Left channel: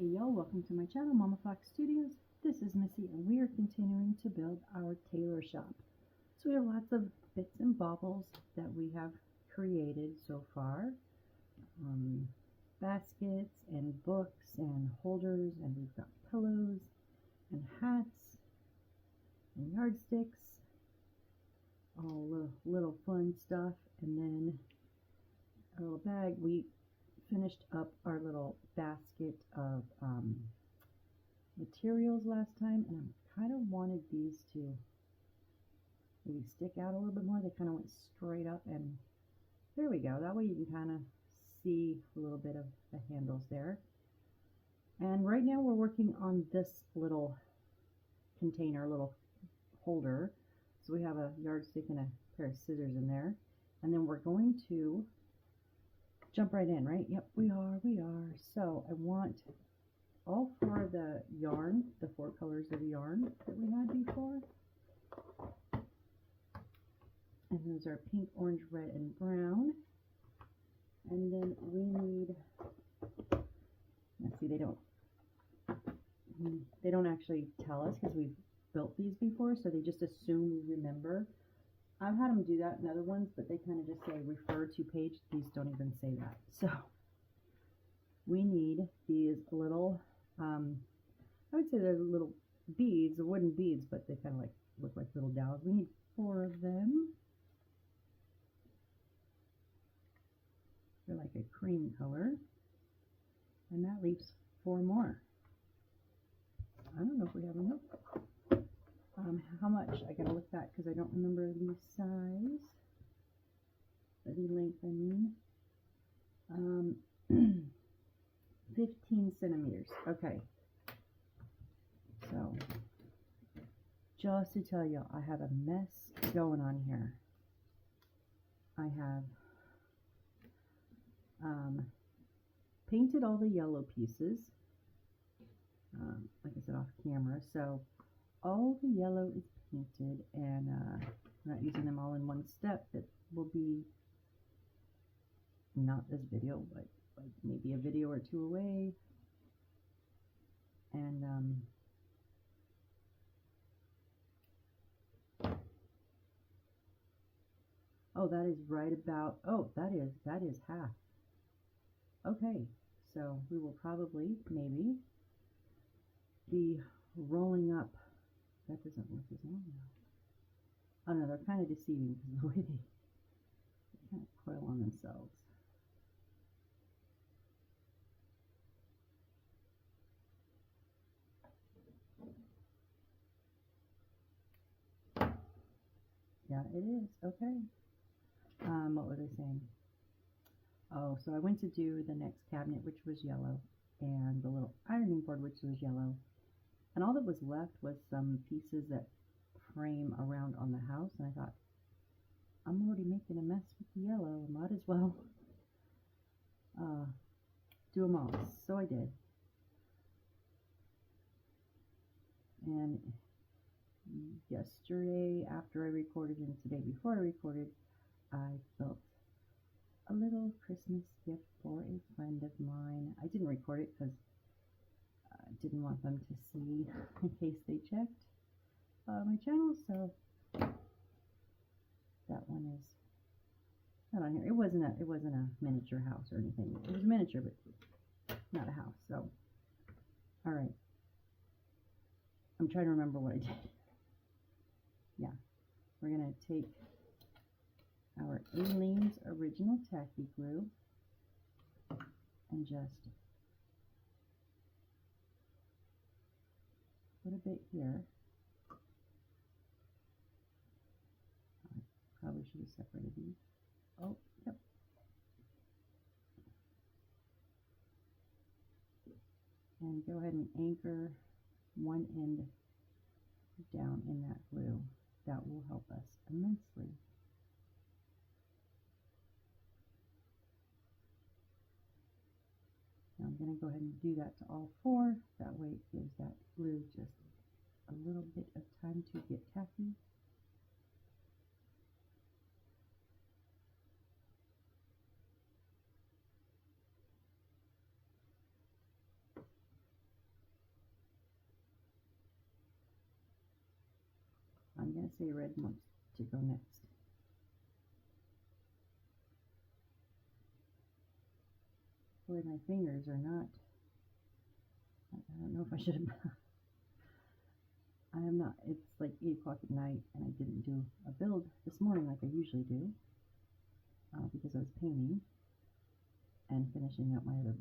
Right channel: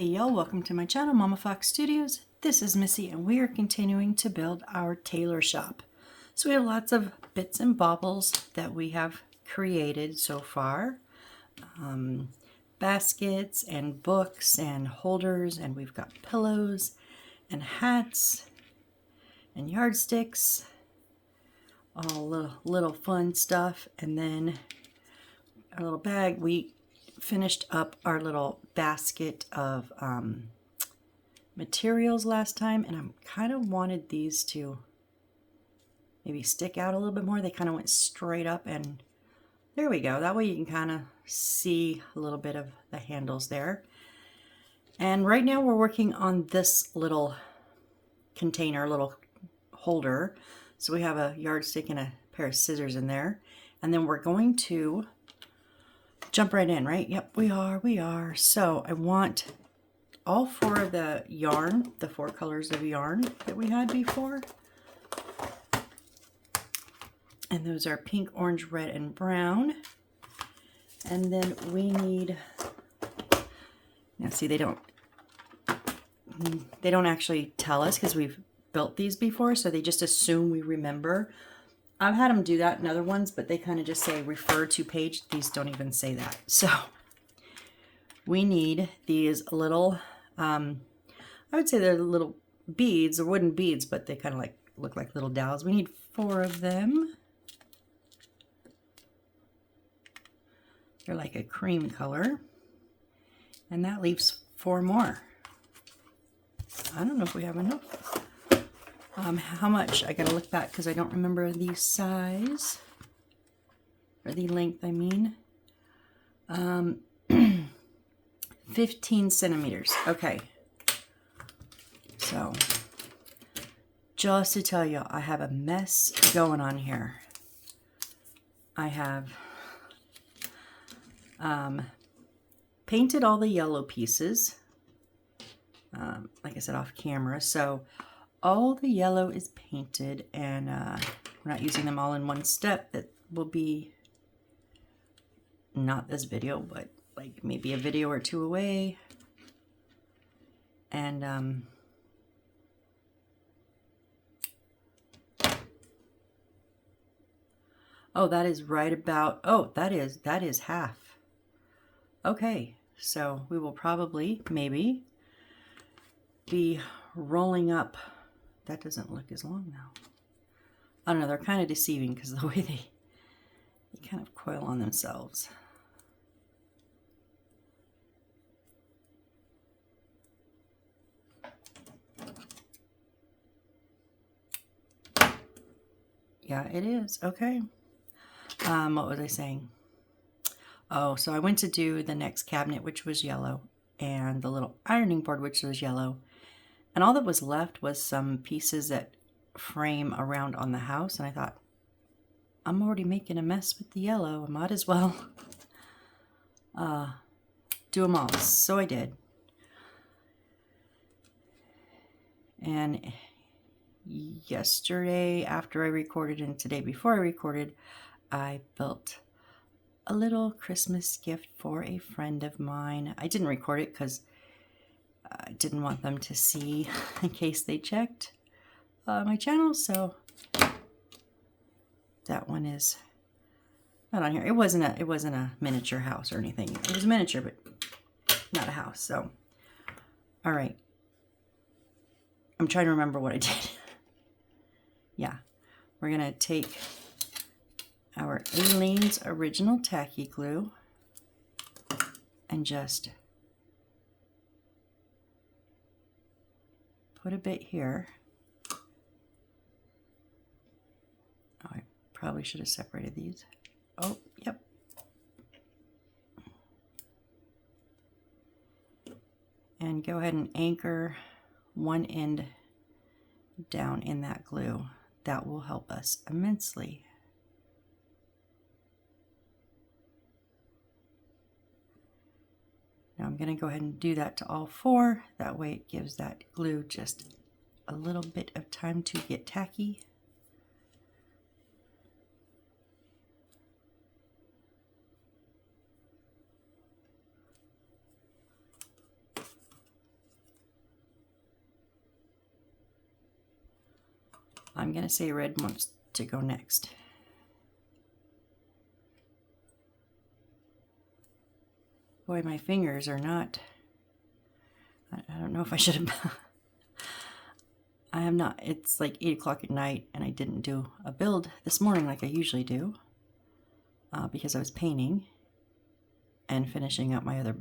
Hey y'all, welcome to my channel, Mama Fox Studios. This is Missy and we are continuing to build our tailor shop. So we have lots of bits and baubles that we have created so far. Baskets and books and holders, and we've got pillows and hats and yardsticks, all little fun stuff. And then our little bag, we finished up our little basket of materials last time, and I kind of wanted these to maybe stick out a little bit more. They kind of went straight up, and there we go. That way you can kind of see a little bit of the handles there. And right now we're working on this little container, little holder. So we have a yardstick and a pair of scissors in there, and then we're going to jump right in, right? Yep, we are. So I want all four of the yarn, the four colors of yarn that we had before. And those are pink, orange, red, and brown. And then we need, now see, they don't actually tell us because we've built these before, so they just assume we remember. I've had them do that in other ones, but they kind of just say refer to page. These don't even say that. So we need these little, I would say they're little beads, or wooden beads, but they kind of like look like little dowels. We need 4 of them. They're like a cream color. And that leaves 4 more. I don't know if we have enough. How much? I gotta look back because I don't remember the size, or the length, I mean. 15 centimeters. Okay. So, just to tell you, I have a mess going on here. I have painted all the yellow pieces, like I said, off camera. So all the yellow is painted, and we're not using them all in one step. That will be not this video, but like maybe a video or 2 away. And oh, that is right about, oh, that is half. Okay, so we will probably maybe be rolling up. That doesn't look as long now. I don't know, they're kind of deceiving because the way they kind of coil on themselves. Yeah, it is. Okay. What was I saying? Oh, so I went to do the next cabinet, which was yellow, and the little ironing board, which was yellow. And all that was left was some pieces that frame around on the house. And I thought, I'm already making a mess with the yellow. I might as well do them all. So I did. And yesterday after I recorded and today before I recorded, I built a little Christmas gift for a friend of mine. I didn't record it because I didn't want them to see in case they checked my channel, so that one is not on here. It wasn't a miniature house or anything. It was a miniature, but not a house. So, all right. I'm trying to remember what I did. Yeah, we're gonna take our Aleene's original tacky glue and just put a bit here. Oh, I probably should have separated these. Oh, yep. And go ahead and anchor one end down in that glue. That will help us immensely. Now I'm going to go ahead and do that to all 4. That way it gives that glue just a little bit of time to get tacky. I'm going to say red wants to go next. Boy, my fingers are not, I don't know if I should have, I am not, it's like 8 o'clock at night and I didn't do a build this morning like I usually do because I was painting and finishing up my other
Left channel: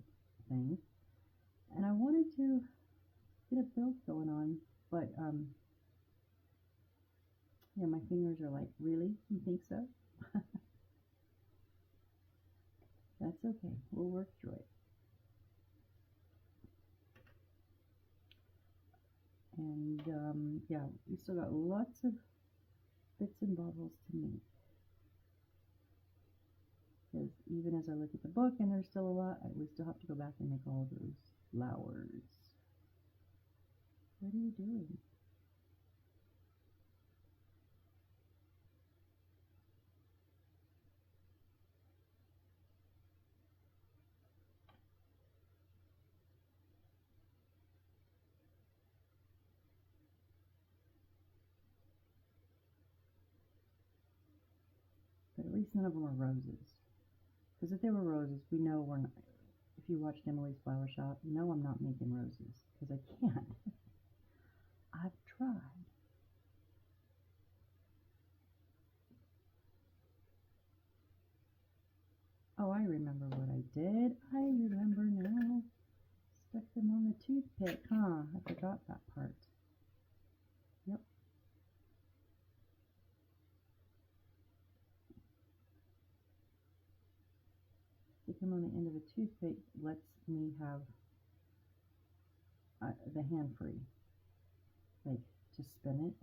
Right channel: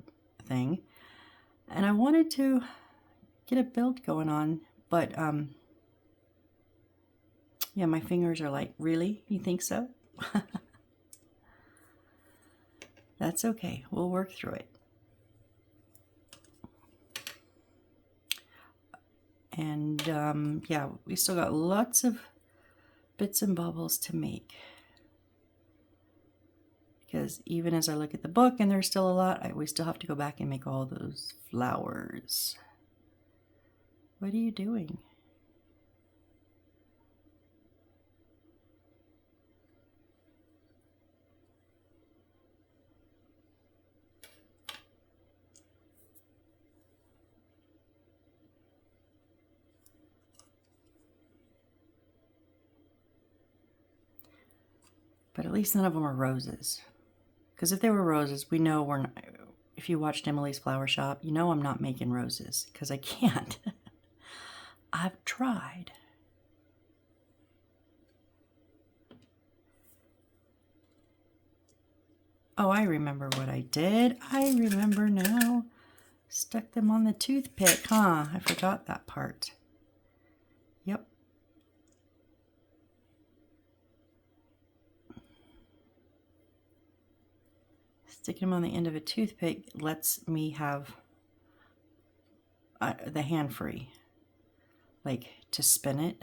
thing. And I wanted to get a build going on, but yeah, my fingers are like, really? You think so? That's okay. We'll work through it. And yeah, we still got lots of bits and bobbles to make. Because even as I look at the book and there's still a lot, we still have to go back and make all those flowers. What are you doing? But at least none of them are roses. Because if they were roses, we know we're not, if you watched Emily's Flower Shop, you know I'm not making roses because I can't. I've tried. Oh, I remember what I did. I remember now. Stuck them on the toothpick, huh? I forgot that part. Yep. Sticking them on the end of a toothpick lets me have the hand free, like to spin it.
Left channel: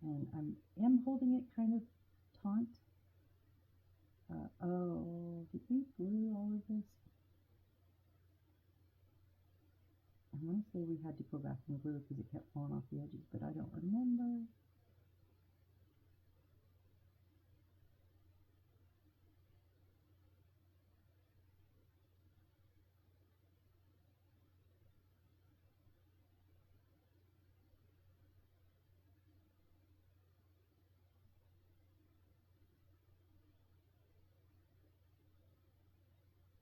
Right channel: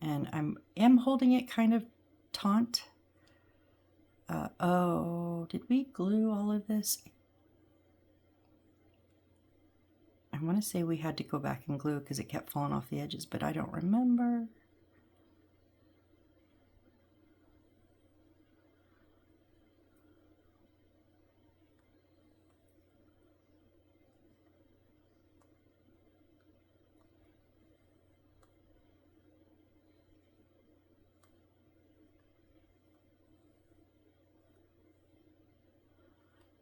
And I am holding it kind of taut. Oh, did we glue all of this? I want to say we had to go back and glue because it kept falling off the edges, but I don't remember.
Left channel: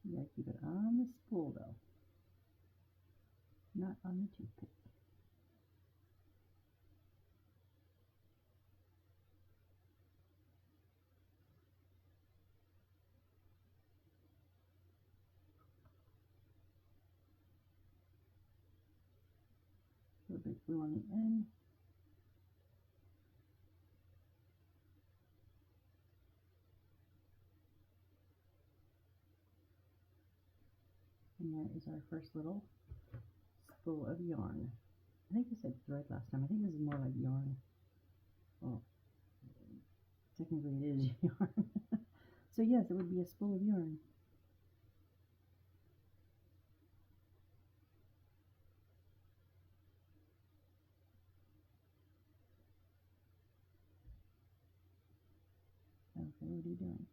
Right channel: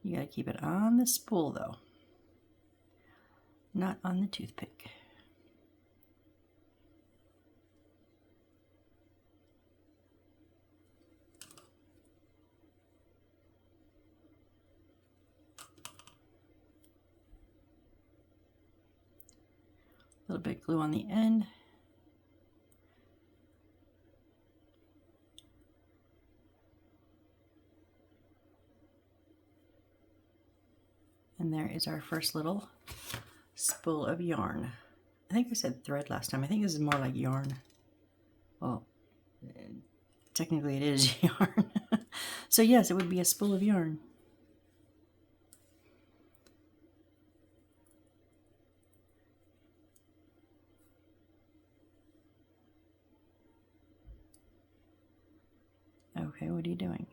You gotta keep it on the spool though, not on the toothpick. A little bit glue on the end. And there is our first little spool of yarn. I think I said thread last time. I think this is more like yarn. Well, technically it is yarn. So yes, it would be a spool of yarn. Okay, what are you doing?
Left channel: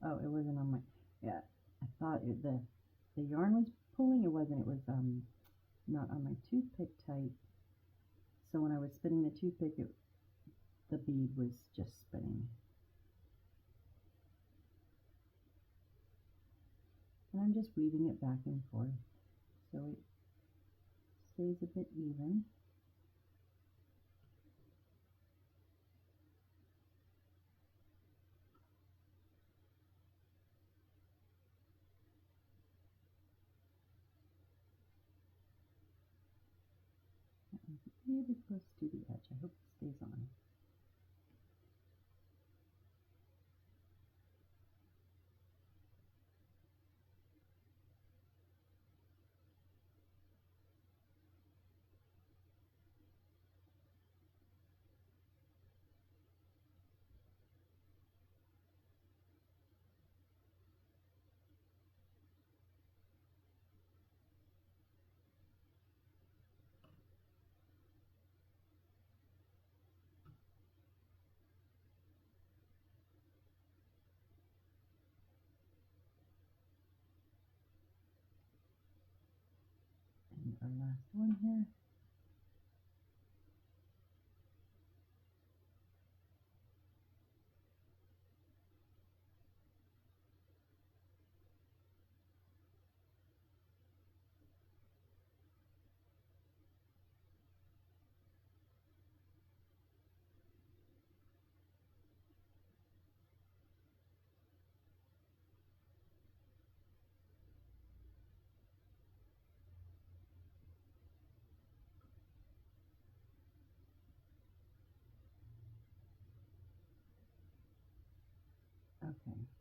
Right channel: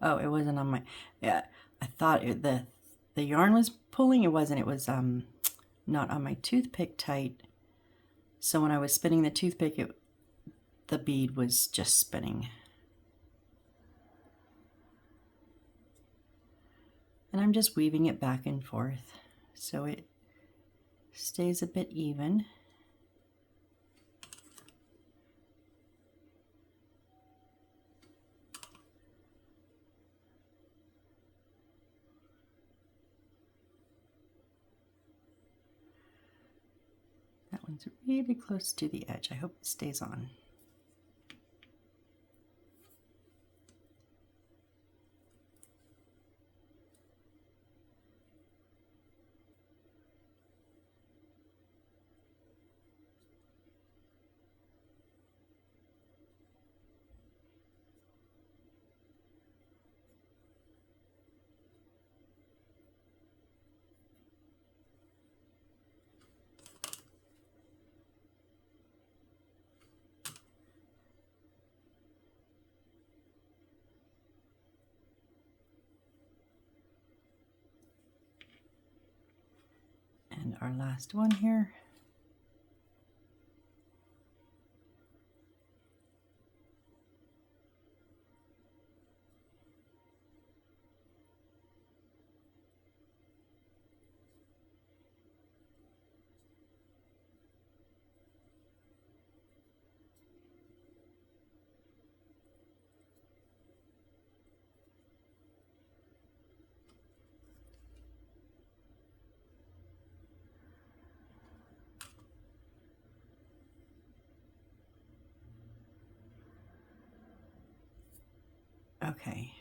Oh, it wasn't on my, yeah, I thought the yarn was pulling. It wasn't. It was not on my toothpick tight. So when I was spinning the toothpick, the bead was just spinning. And I'm just weaving it back and forth so it stays a bit even. That one's really close to the edge. I hope it stays on. And our last one here. Okay.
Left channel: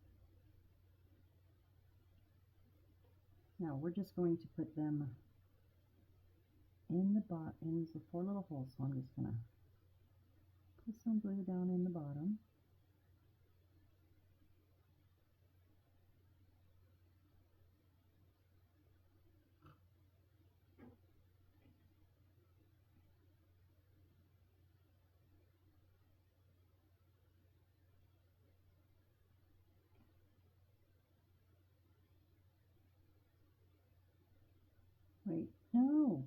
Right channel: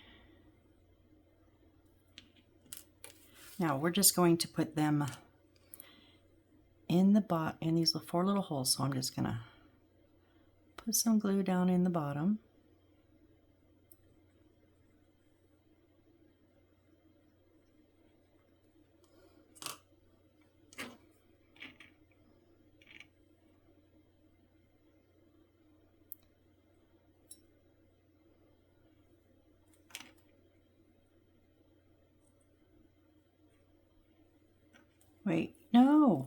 Now we're just going to put them in these 4 little holes. So I'm just gonna put some glue down in the bottom. Wait, no.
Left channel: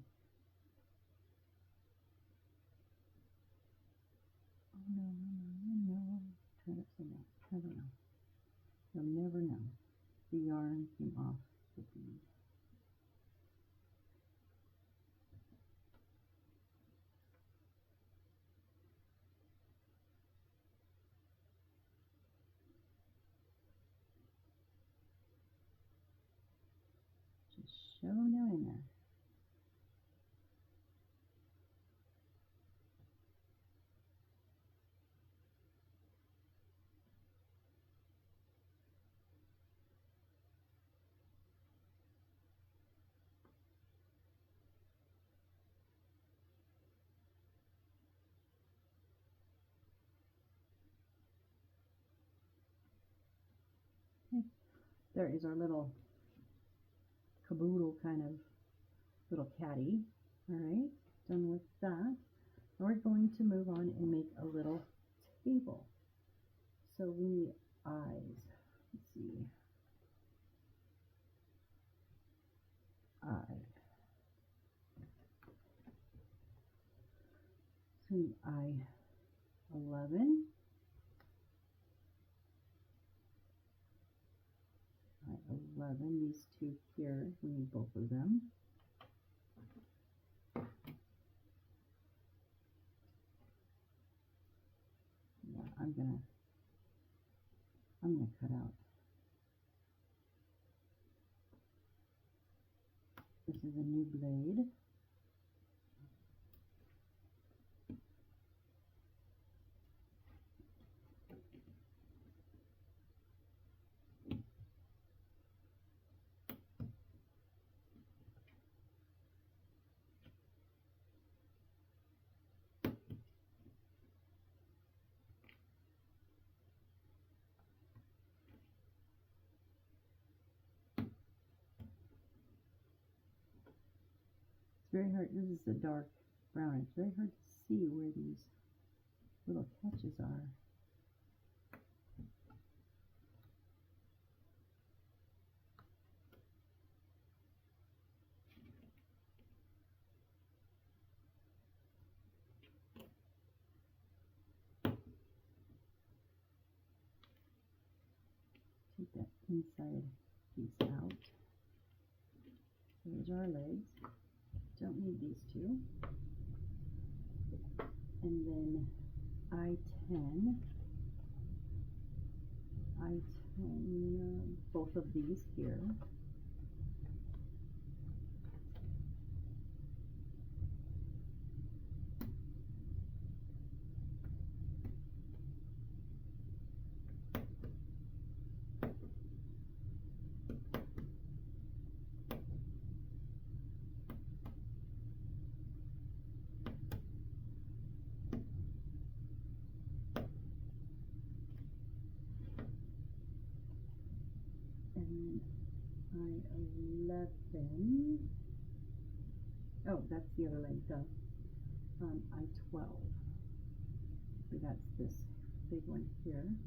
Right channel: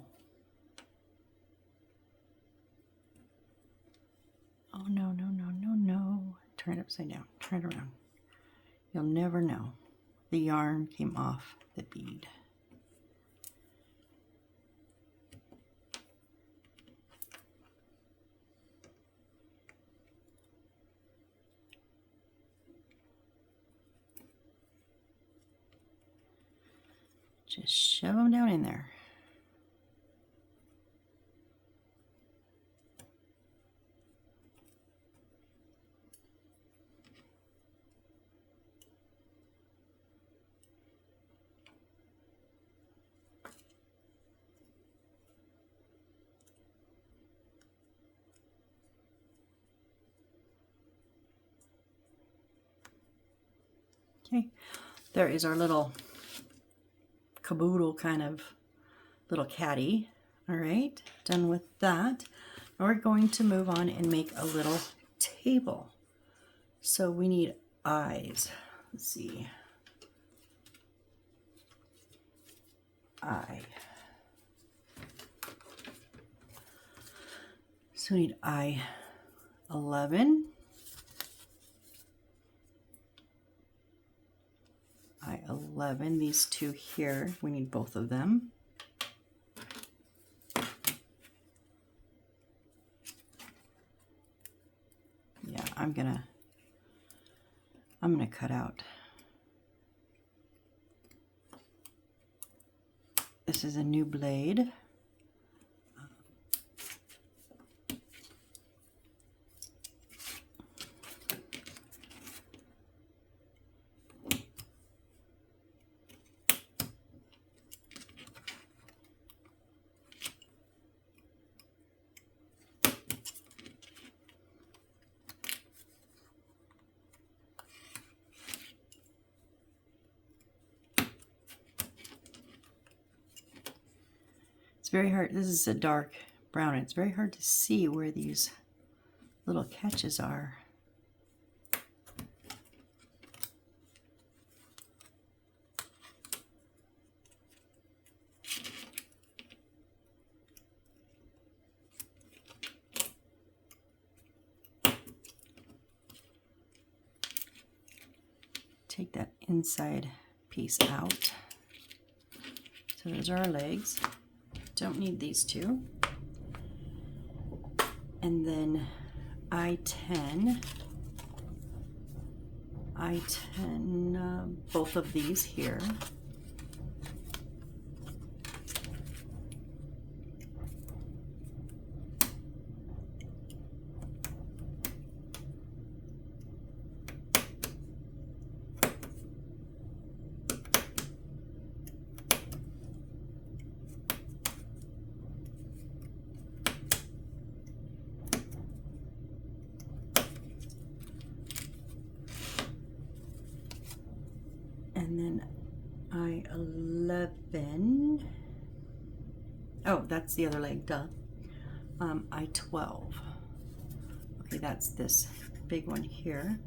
Oh, no, no, no, no, no. Turn it upside down. Turn it around. You'll never know. The yarn came off the bead. Just shove them down in there. Okay, there is our little caboodle kind of little caddy. All right, done with that. Now we're going to move on and make a little table. So we need eyes. Let's see. Eye. So we need eye 11. Eye 11, these two here, we need both of them. Yeah, I'm gonna cut out. This is a new blade. Very hard. This is a dark brown. It's very hard to see where these little catches are. Take that inside piece out. So those are our legs. Don't need these two. And then I-10, both of these here. And then I-11. Oh, that's the other leg, duh. I-12. Okay, that's this big one here.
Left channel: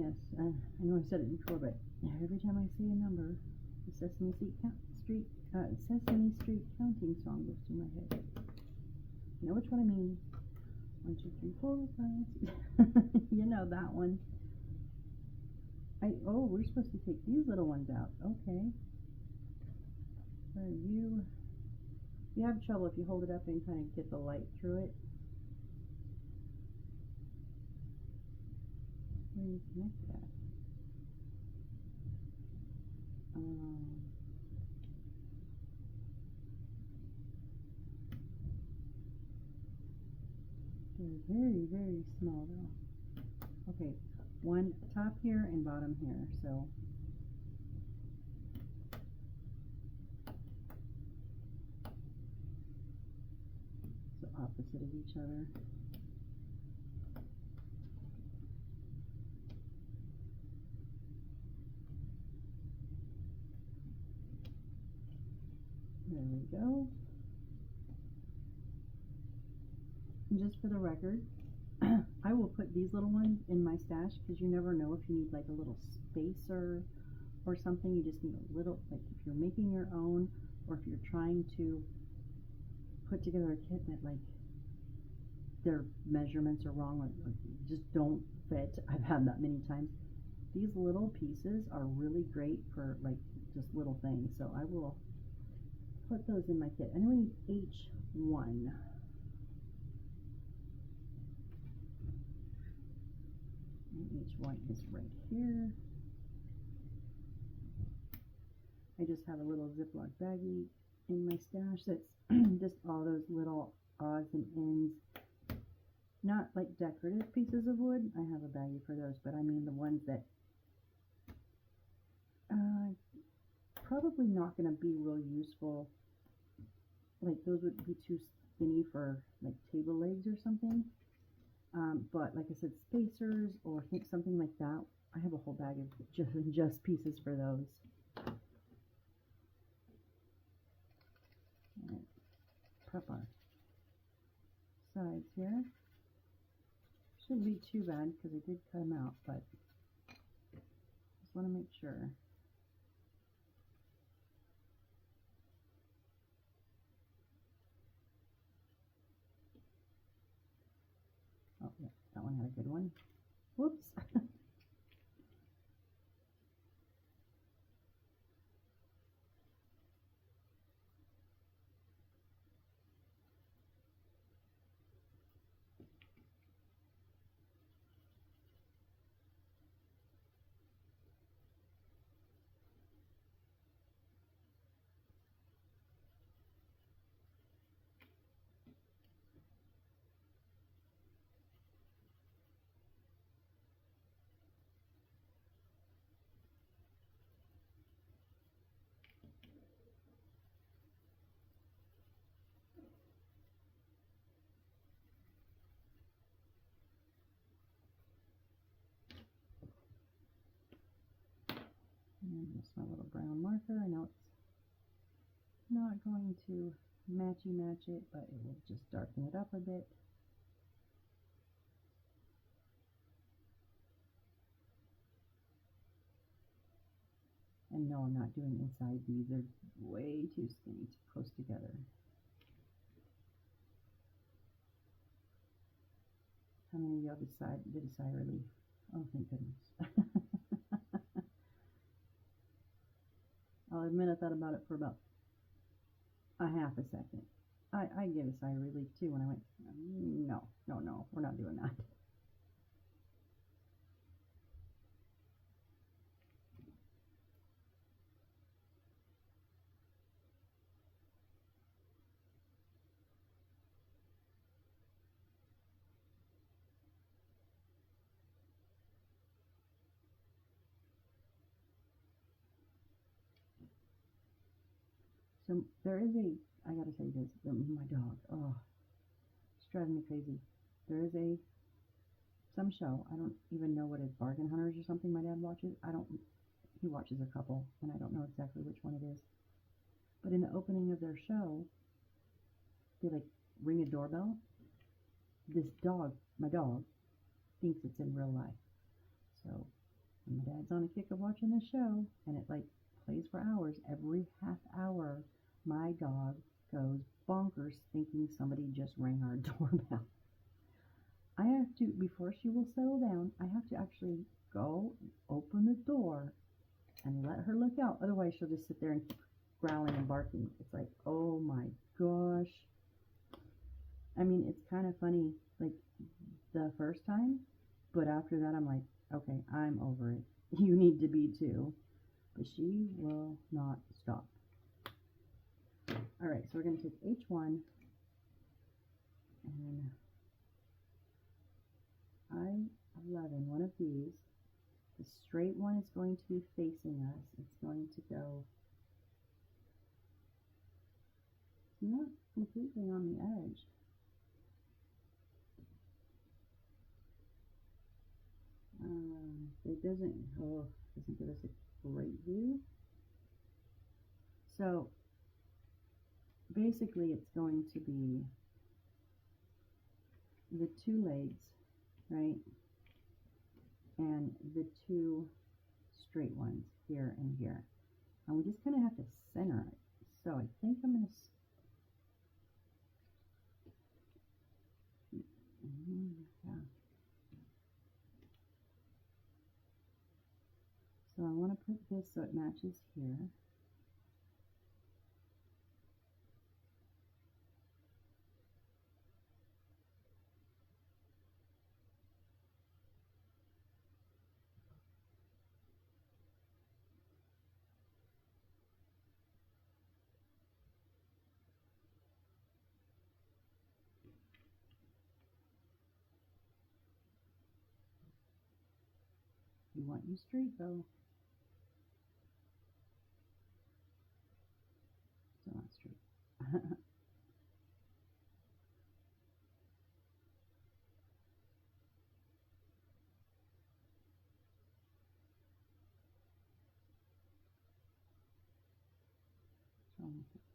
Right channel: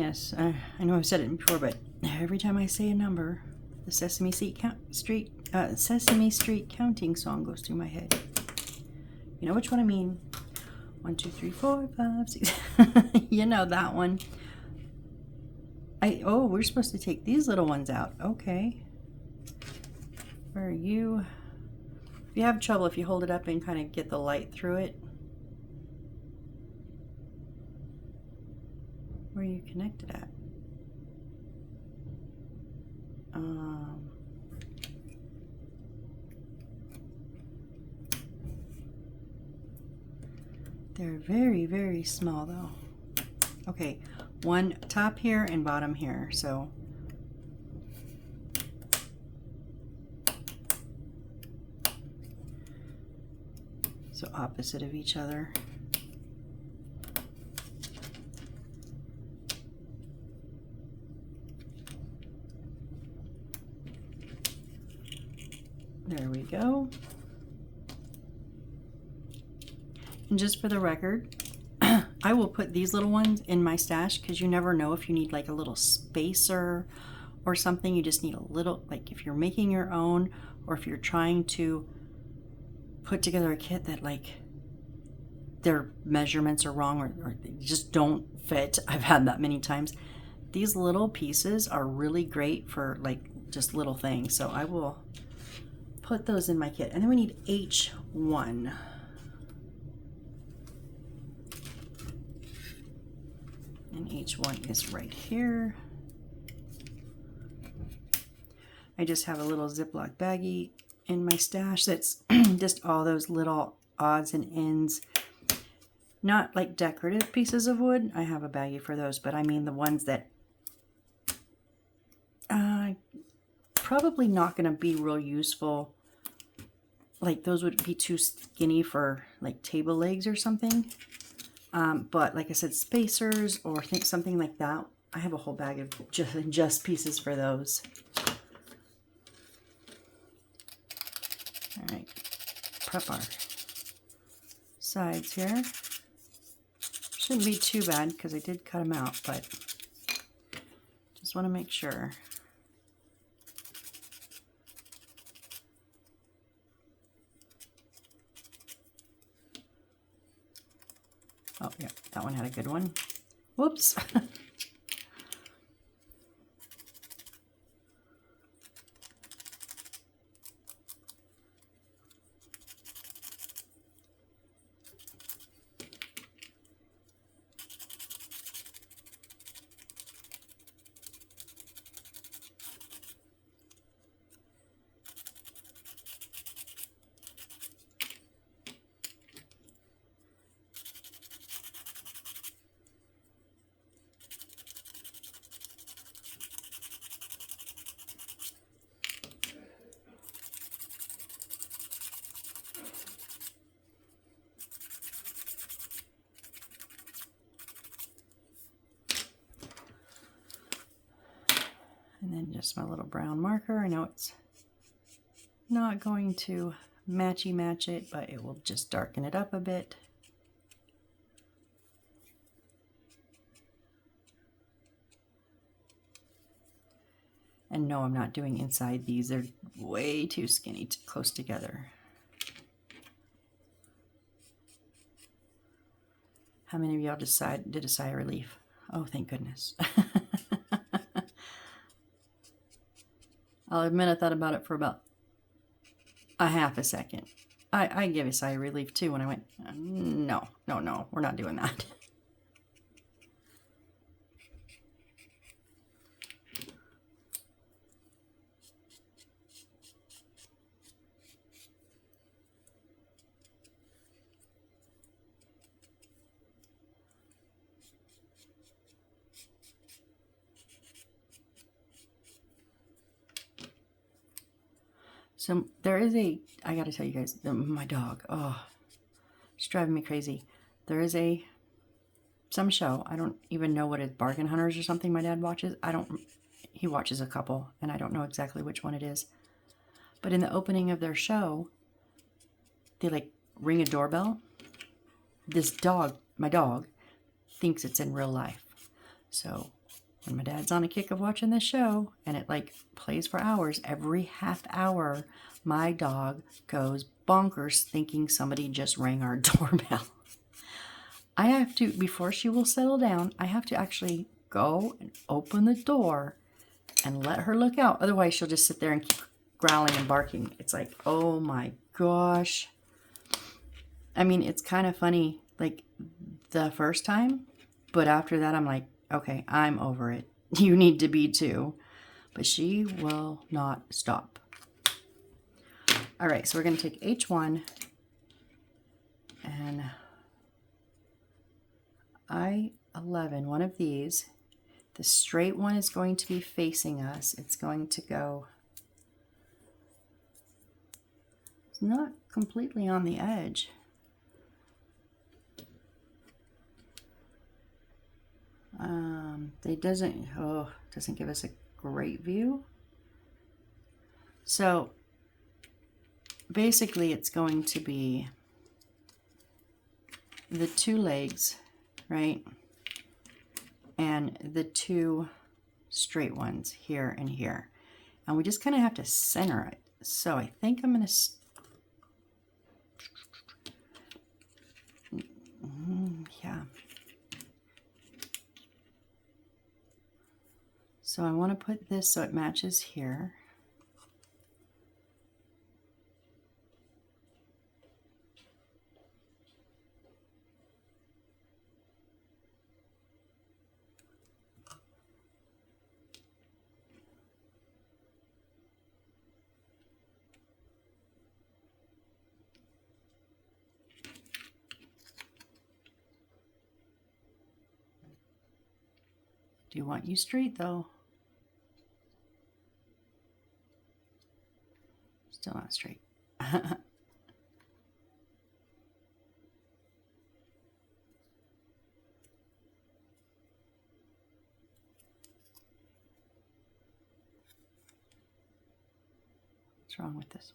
Yes, I know I've said it before, but every time I say a number, the Sesame Street counting song goes through my head. You know which one I mean? 1, 2, 3, 4, 5, 6. You know that one. Oh, we're supposed to take these little ones out. Okay. Where are you? If you have trouble, if you hold it up and kind of get the light through it. Where are you connected at? They're very, very small though. Okay, one top here and bottom here, so opposite of each other. There we go. And just for the record, I will put these little ones in my stash because you never know if you need like a little spacer or something. You just need a little, like if you're making your own or if you're trying to put together a kit that like their measurements are wrong or they just don't fit. I've had that many times. These little pieces are really great for like just little things. So I will put those in my kit. And then we need H1. And H1 is right here. I just have a little Ziploc baggie in my stash that's just all those little odds and ends. Not like decorative pieces of wood. I have a baggie for those, but I mean the ones that probably not going to be real useful. Like those would be too skinny for like table legs or something. But like I said, spacers or think something like that. I have a whole bag of just pieces for those. All right, prep our sides here. Shouldn't be too bad because I did cut them out, but just want to make sure. Oh, yeah, that one had a good one. Whoops. And then just my little brown marker. I know it's not going to matchy match it, but it will just darken it up a bit. And no, I'm not doing inside these. They're way too skinny, close together. How many of y'all did a sigh of relief? Oh, thank goodness. I'll admit I thought about it for about a half a second. I gave a sigh of relief too when I went, no, we're not doing that. So there is I gotta tell you guys, my dog, oh, it's driving me crazy. There is some show, I don't even know what it is, Bargain Hunters or something my dad watches. He watches a couple, and I don't know exactly which one it is. But in the opening of their show, they like ring a doorbell. This dog, my dog, thinks it's in real life. So when my dad's on a kick of watching this show and it like plays for hours, every half hour, my dog goes bonkers thinking somebody just rang our doorbell. I have to, before she will settle down, I have to actually go and open the door and let her look out. Otherwise, she'll just sit there and keep growling and barking. It's like, oh my gosh. I mean, it's kind of funny, like the first time, but after that, I'm like, okay, I'm over it. You need to be too. But she will not stop. All right, so we're going to take H1 and I11, one of these. The straight one is going to be facing us. It's going to go, it's not completely on the edge. It doesn't give us a great view. So basically it's going to be the two legs, right? And the two straight ones here and here. And we just kind of have to center it. So I think I'm going to, yeah. So I want to put this so it matches here. Do want you straight though. Still not straight. What's wrong with this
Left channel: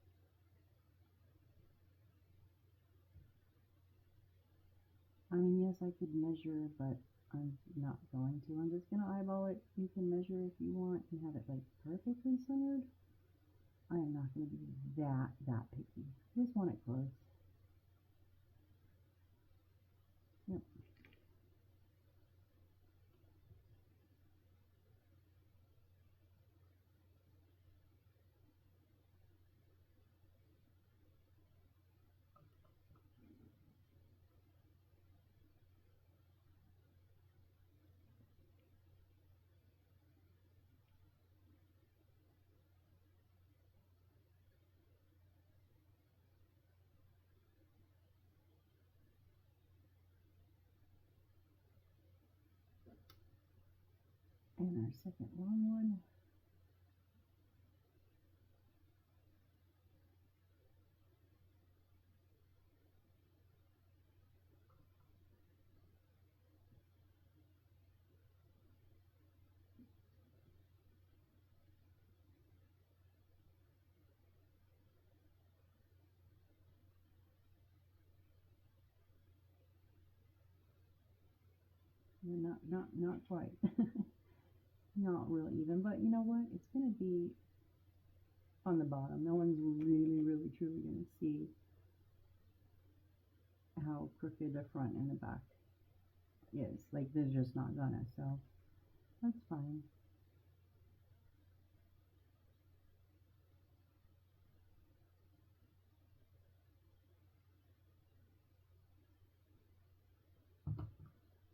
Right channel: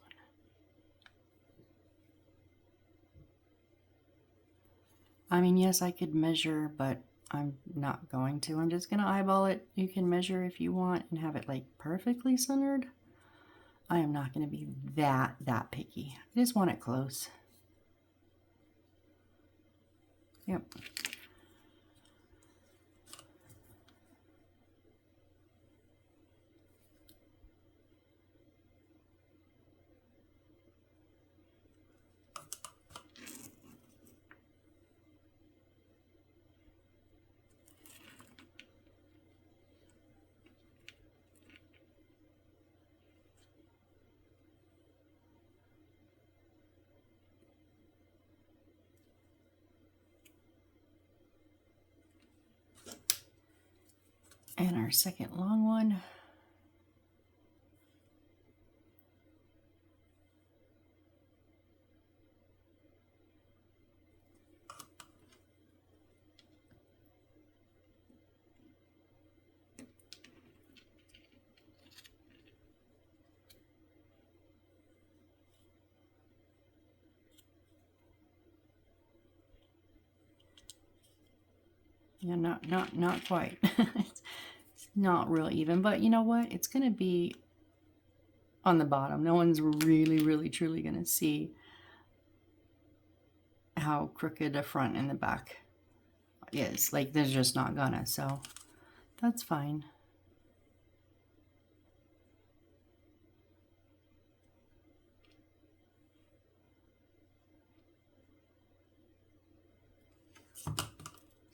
one? I mean, yes, I could measure, but I'm not going to. I'm just going to eyeball it. You can measure if you want and have it like perfectly centered. I am not going to be that picky. I just want it close. Yep. And our second long one. Yeah, not quite. It's not real even, but you know what? It's going to be on the bottom. No one's really truly going to see how crooked the front and the back is. Like, they're just not gonna, so that's fine.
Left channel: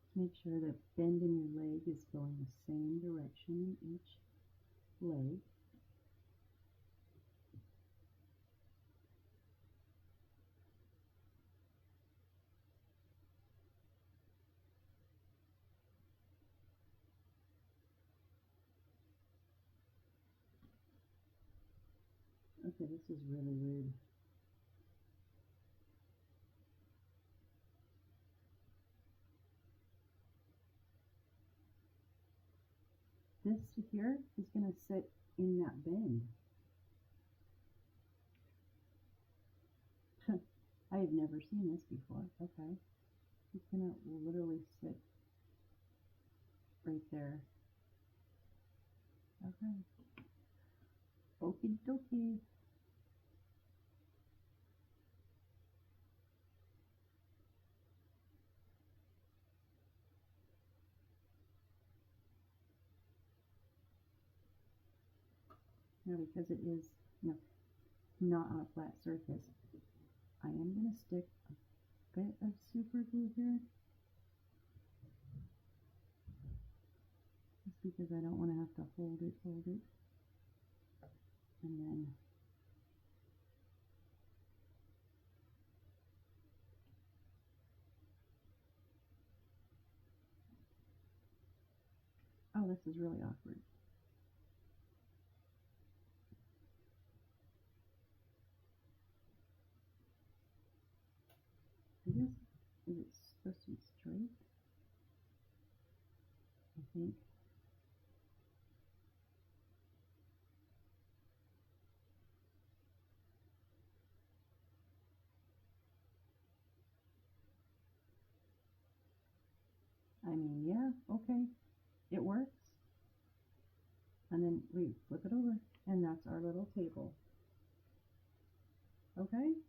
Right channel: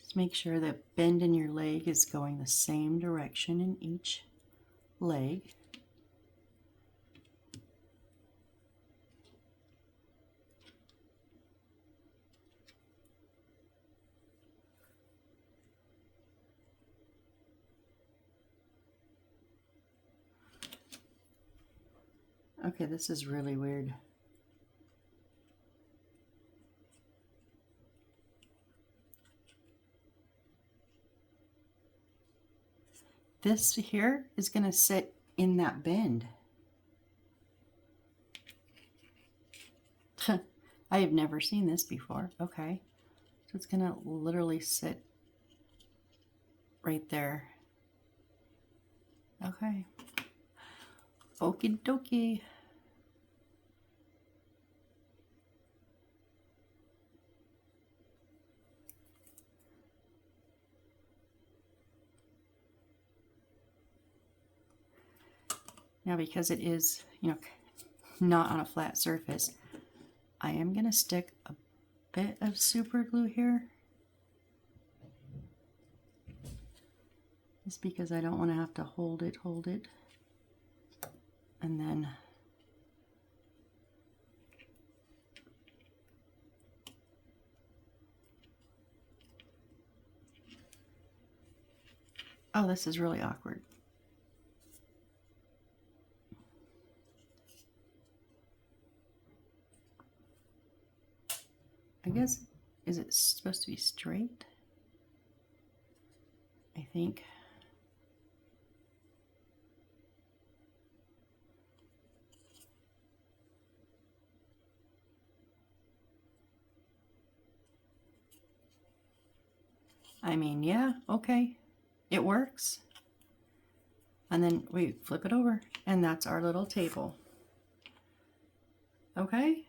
Just make sure that bend in your leg is going the same direction in each leg. Okay, this is really weird. This here is going to sit in that bend. I have never seen this before. Okay, so it's going to literally sit right there. Okay. Okie dokie. Now, because it is, not on a flat surface, I am going to stick a bit of super glue here. Just because I don't want to have to hold it. And then oh, this is really awkward. I guess, is it supposed to be straight? I think. I mean, yeah, okay. It works. And then we flip it over, and that's our little table. Okay?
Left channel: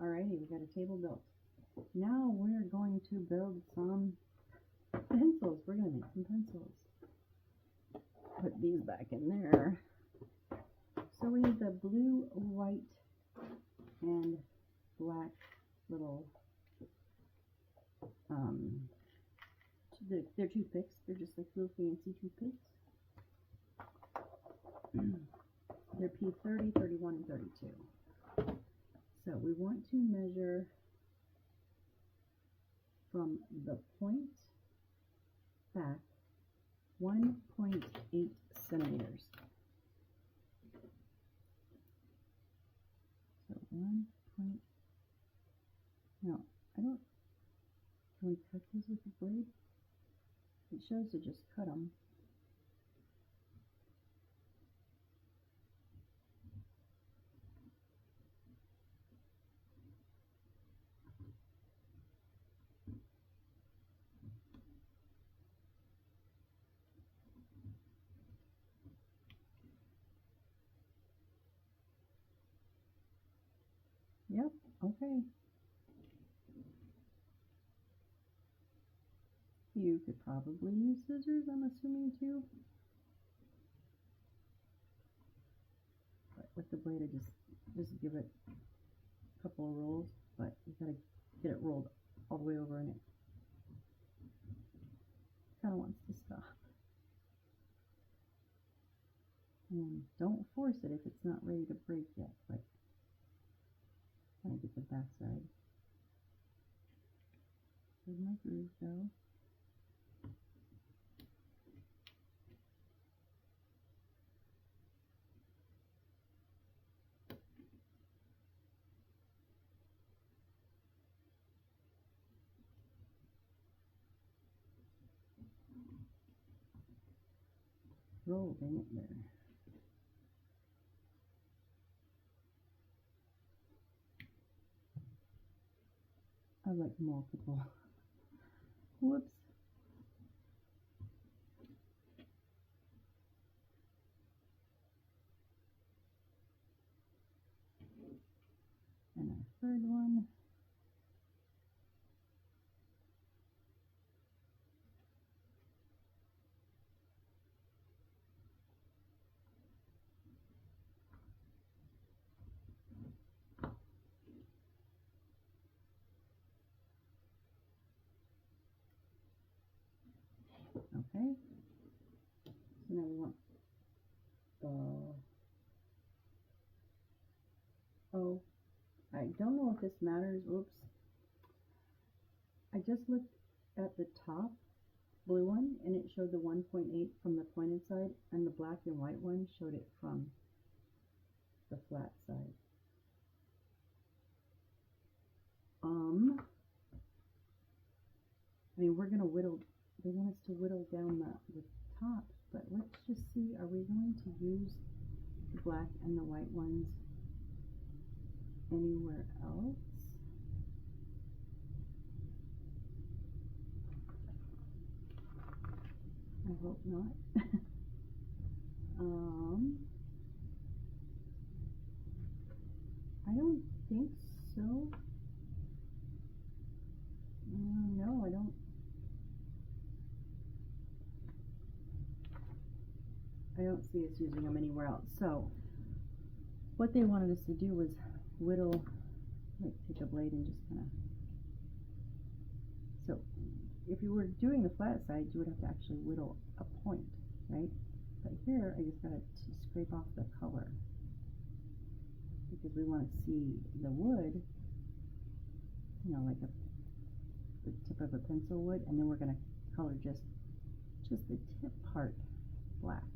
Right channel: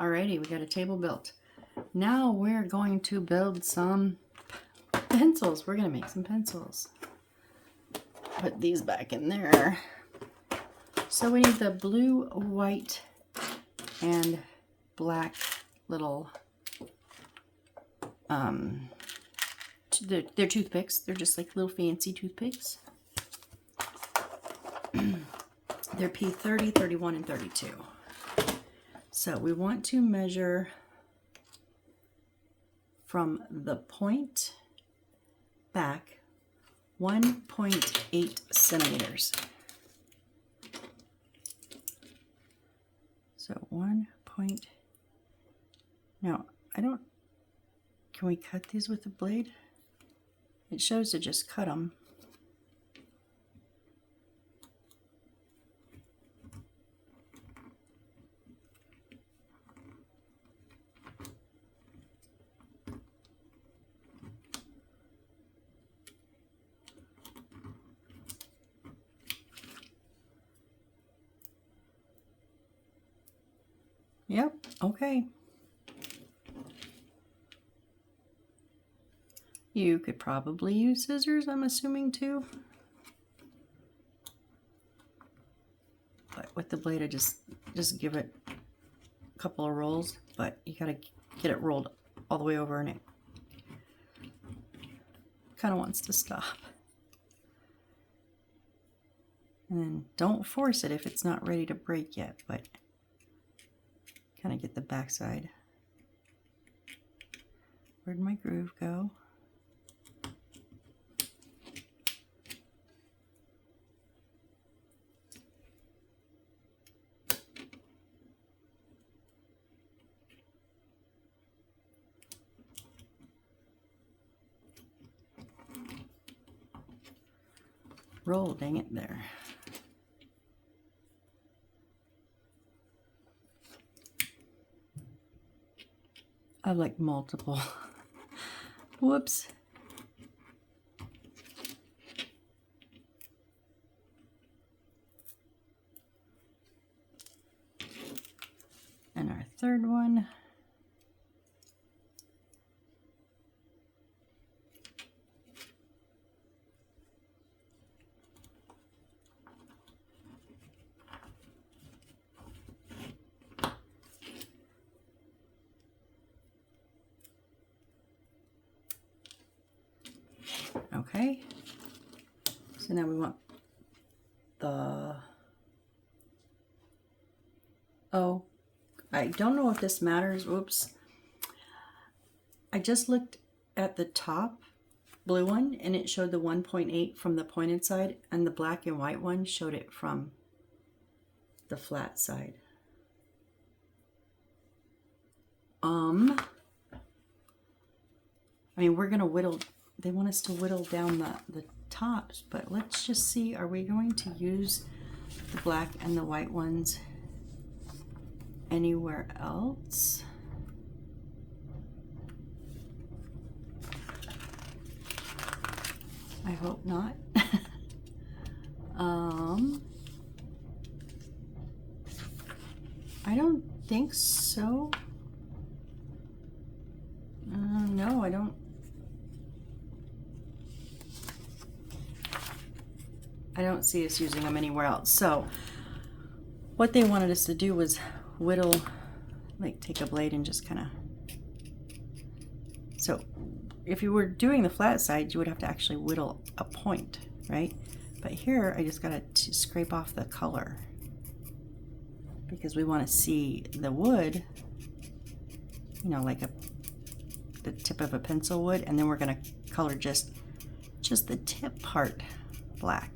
Alrighty, we got a table built. Now we're going to build some pencils. We're going to make some pencils. Put these back in there. So we need the blue, white, and black little, they're toothpicks. They're just like little fancy toothpicks. They're P30, 31, and 32. So we want to measure from the point back 1.8 centimeters. So 1 point, now I don't, can we cut these with the blade? It shows to just cut them. Yep, okay. You could probably use scissors, I'm assuming, too. But with the blade, I just give it a couple of rolls, but you gotta get it rolled all the way over, and it kind of wants to stop. And then don't force it if it's not ready to break yet, but kind of get the backside. Where'd my groove go? Roll, dang it, there. I have like multiple. Whoops. And our third one. Okay, so now we want the, oh, I don't know if this matters, whoops. I just looked at the top blue one and it showed the 1.8 from the pointed side, and the black and white one showed it from the flat side. I mean, we're gonna whittle, they want us to whittle down the tops, but let's just see, are we going to use the black and the white ones anywhere else? I hope not. I don't think so. No, I don't. I don't see us using them anywhere else. So what they wanted us to do was whittle, like take a blade and just kind of, so if you were doing the flat side, you would have to actually whittle a point, right? But here I just got to scrape off the color because we want to see the wood, you know, like the tip of a pencil would, and then we're going to color just the tip part black.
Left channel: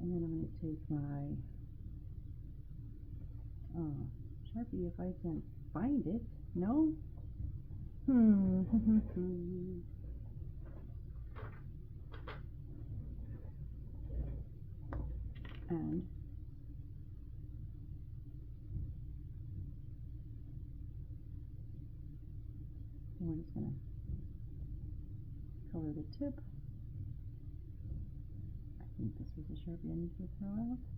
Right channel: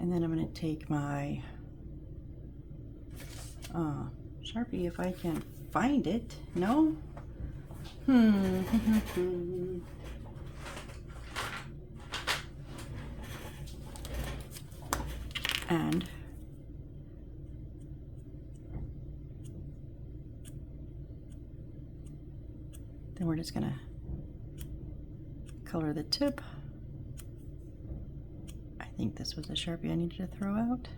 And then I'm going to take my Sharpie, if I can find it. No? And then we're just going to color the tip. I think this was the Sharpie I needed to throw out.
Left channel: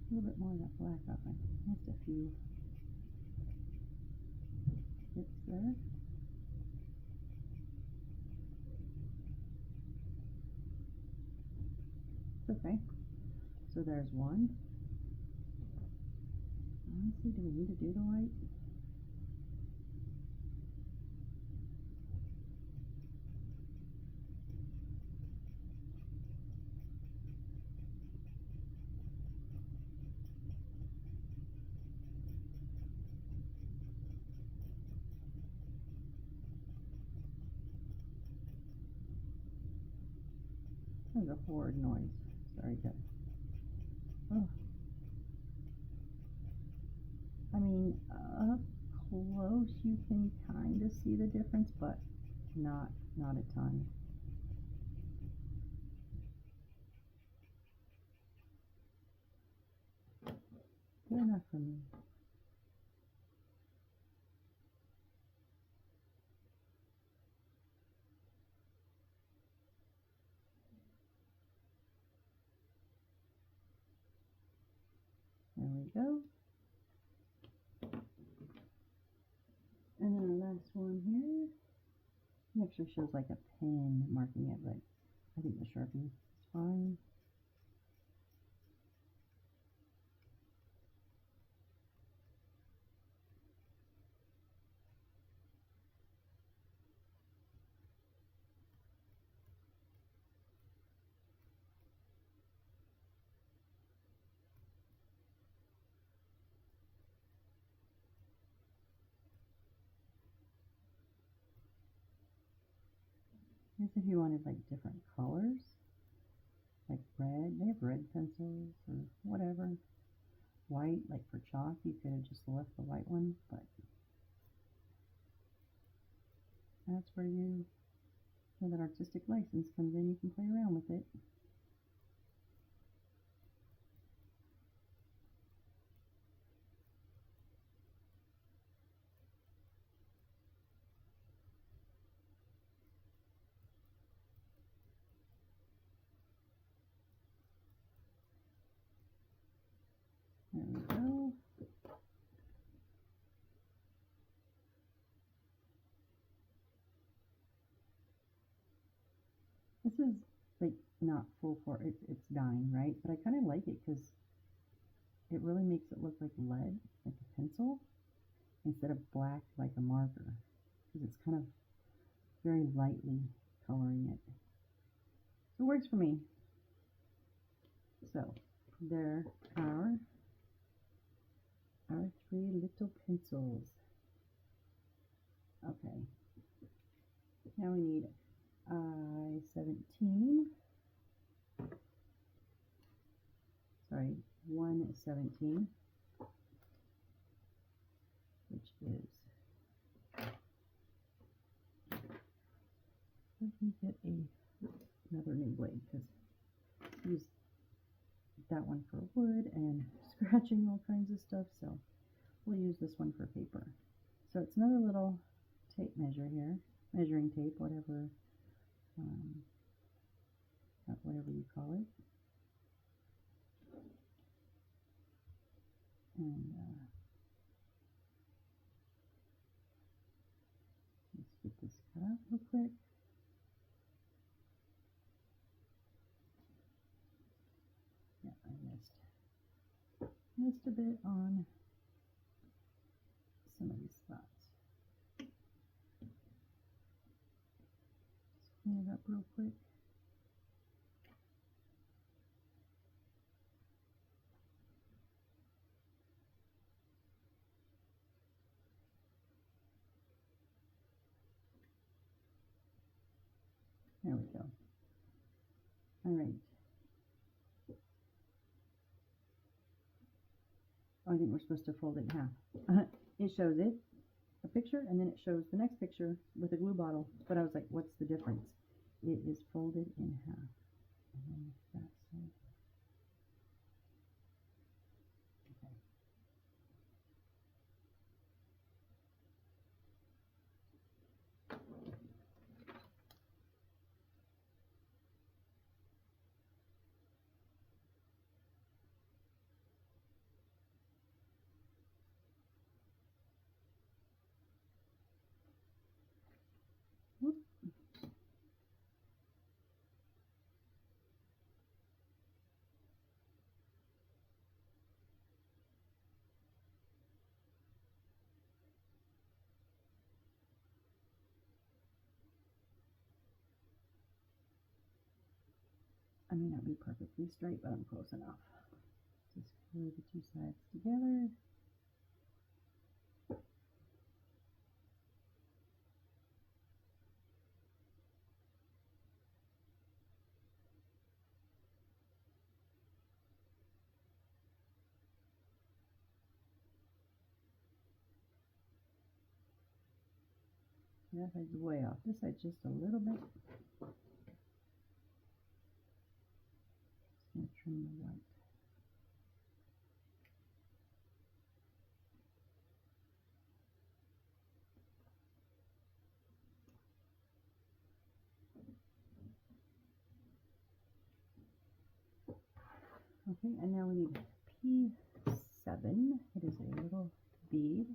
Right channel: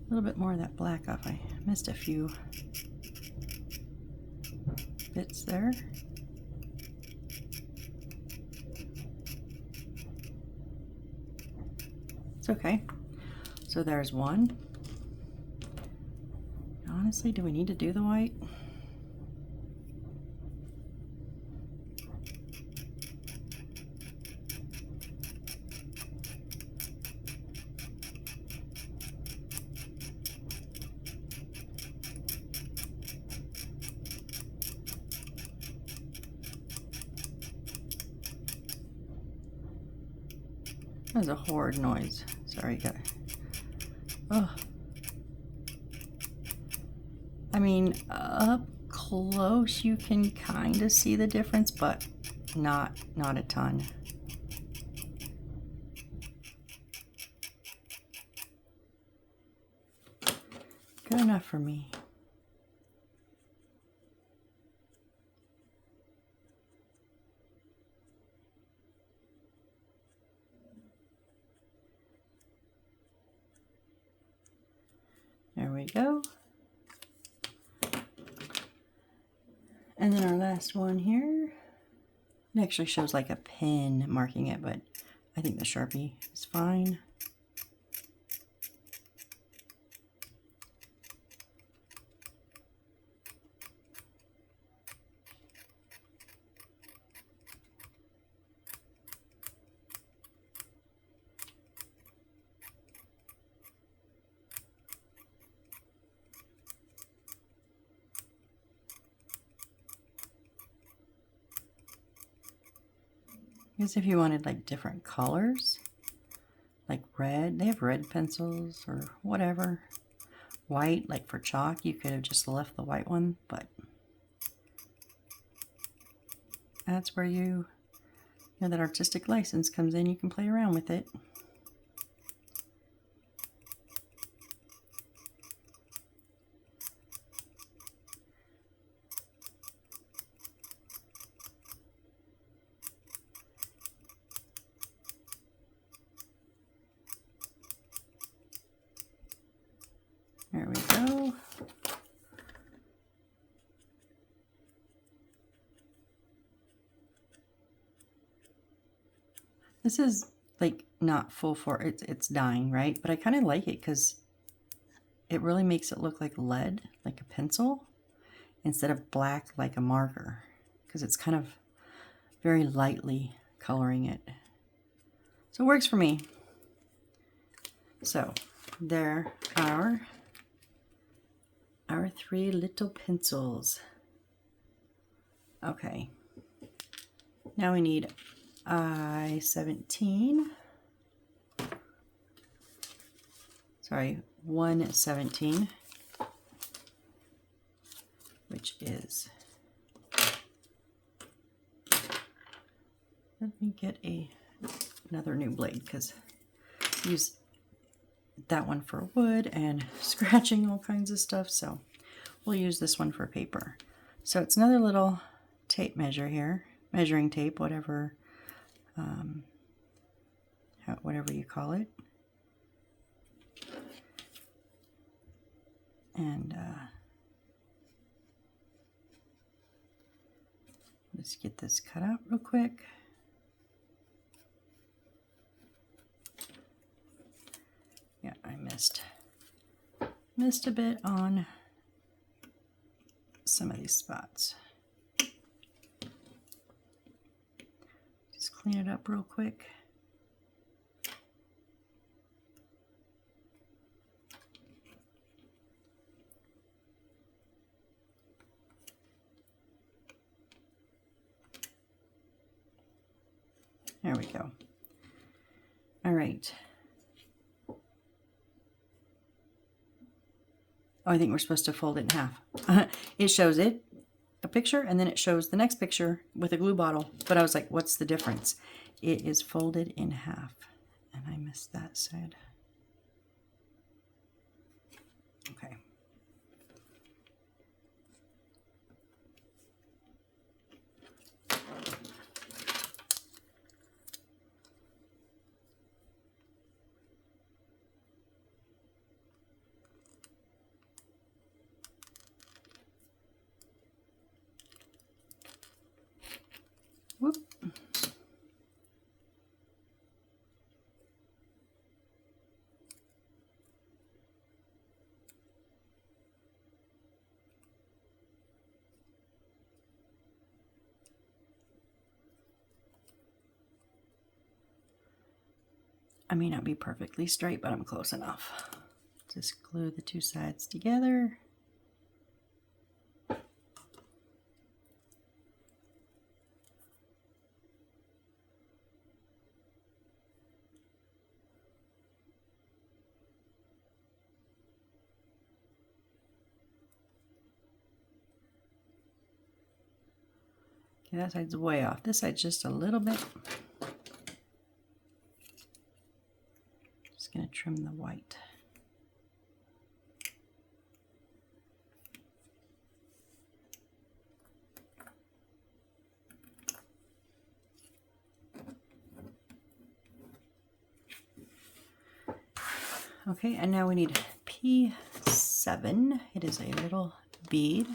A little bit more of that black off. I missed a few bits there. It's okay. So there's one. Honestly, do we need to do the white? That was a horrid noise. Sorry, guys. Oh. I mean, up close you can kind of see the difference, but not a ton. Good enough for me. There we go. And then our last one here, it actually shows like a pen marking it, but I think the Sharpie is fine. Because if you wanted like different colors, like red, they have red pencils or whatever. White, like for chalk, you could have just left the white one, but that's where you know that artistic license comes in. You can play around with it. There we go. This is like not full for it's dying, right? But I kind of like it because it really makes it look like lead, like a pencil, instead of black like a marker. because it's kind of very lightly coloring it. So it works for me. So there are our 3 little pencils. Okay, now we need I-17. Sorry, 117, which is, let me get another new blade because I use that one for wood and scratching all kinds of stuff, so we'll use this one for paper. So it's another little tape measure here, measuring tape, whatever you call it. And let's get this cut out real quick. Yeah, I missed a bit on some of these spots. Just clean it up real quick. There we go. All right. Oh, I think we're supposed to fold it in half. It shows a picture, and then it shows the next picture with a glue bottle. But I was like, what's the difference? It is folded in half, and I missed that side. Okay. Whoop. I may not be perfectly straight, but I'm close enough. Just glue the 2 sides together. Okay, that side's way off. This side's just a little bit. Just going to trim the white. Okay, and now we need P7. It is a little bead.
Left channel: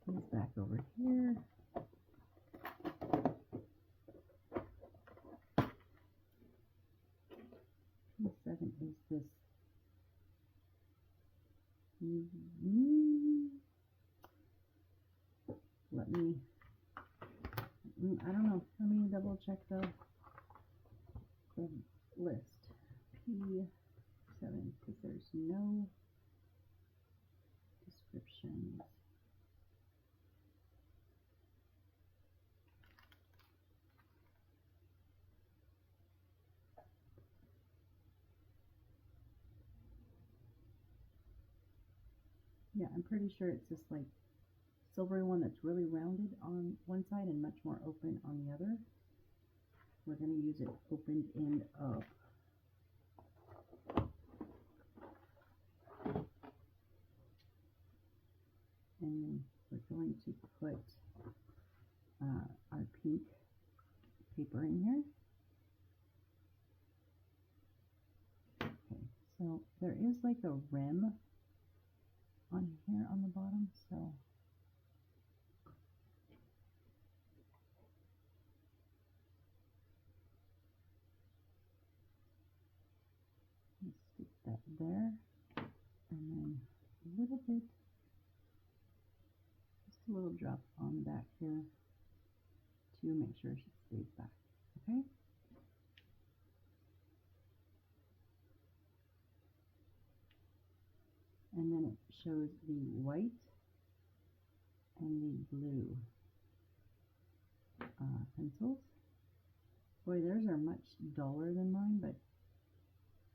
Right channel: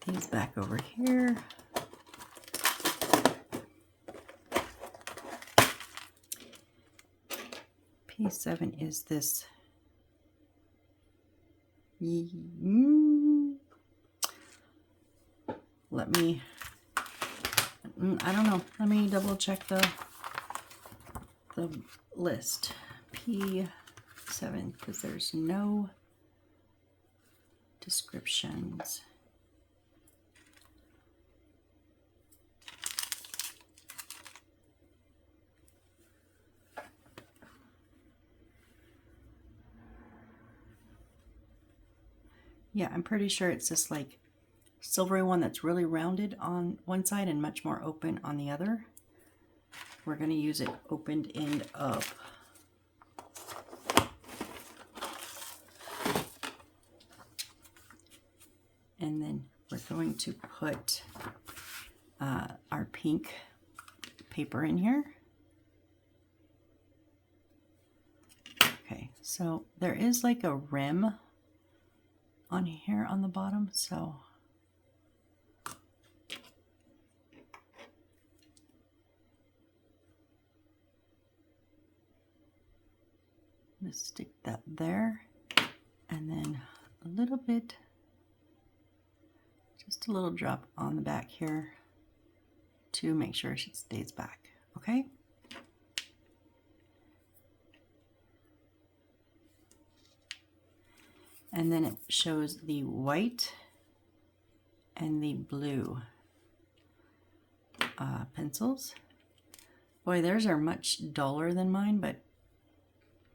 Put these back over here. P7 is this. Let me, I don't know. Let me double check the list. P7, because there's no descriptions. Yeah, I'm pretty sure it's this like silvery one that's really rounded on one side and much more open on the other. We're going to use it opened end up. And then we're going to put our pink paper in here. Okay, so there is like a rim on here on the bottom, so I'm going to stick that there, and then a little bit Just a little drop on the back here to make sure it stays back, okay? And then it shows the white and the blue pencils. Boy, theirs are much duller than mine, but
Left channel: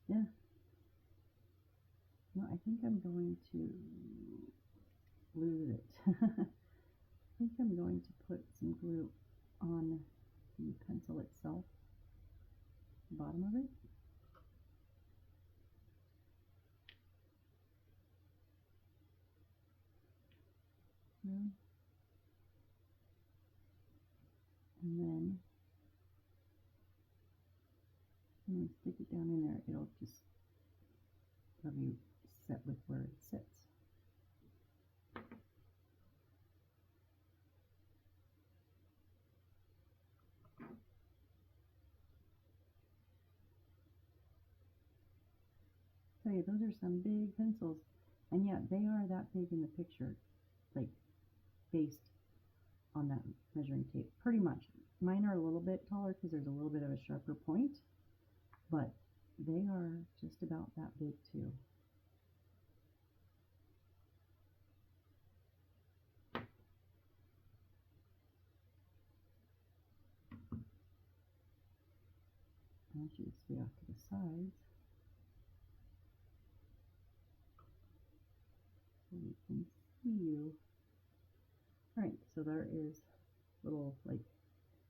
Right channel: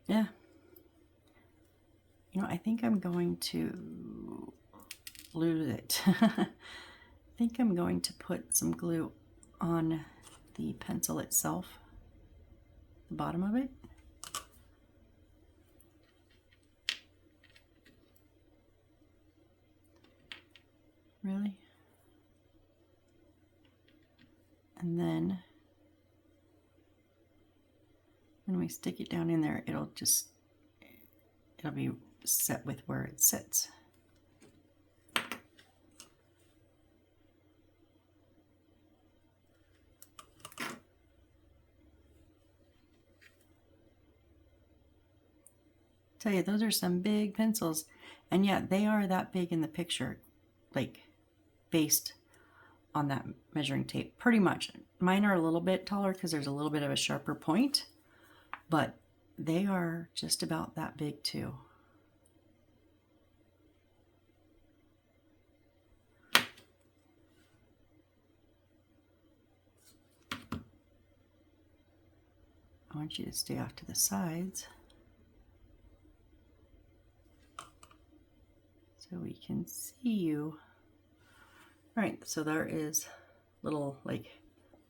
yeah. You know, I think I'm going to glue it. I think I'm going to put some glue on the pencil itself, the bottom of it. Really? And then when we stick it down in there, it'll be set with where it sits. Tell you, those are some big pencils, and yet they are that big in the picture, like based on that measuring tape, pretty much. Mine are a little bit taller because there's a little bit of a sharper point, but they are just about that big too. I want you to stay off to the sides so we can see you. All right, so there is a little like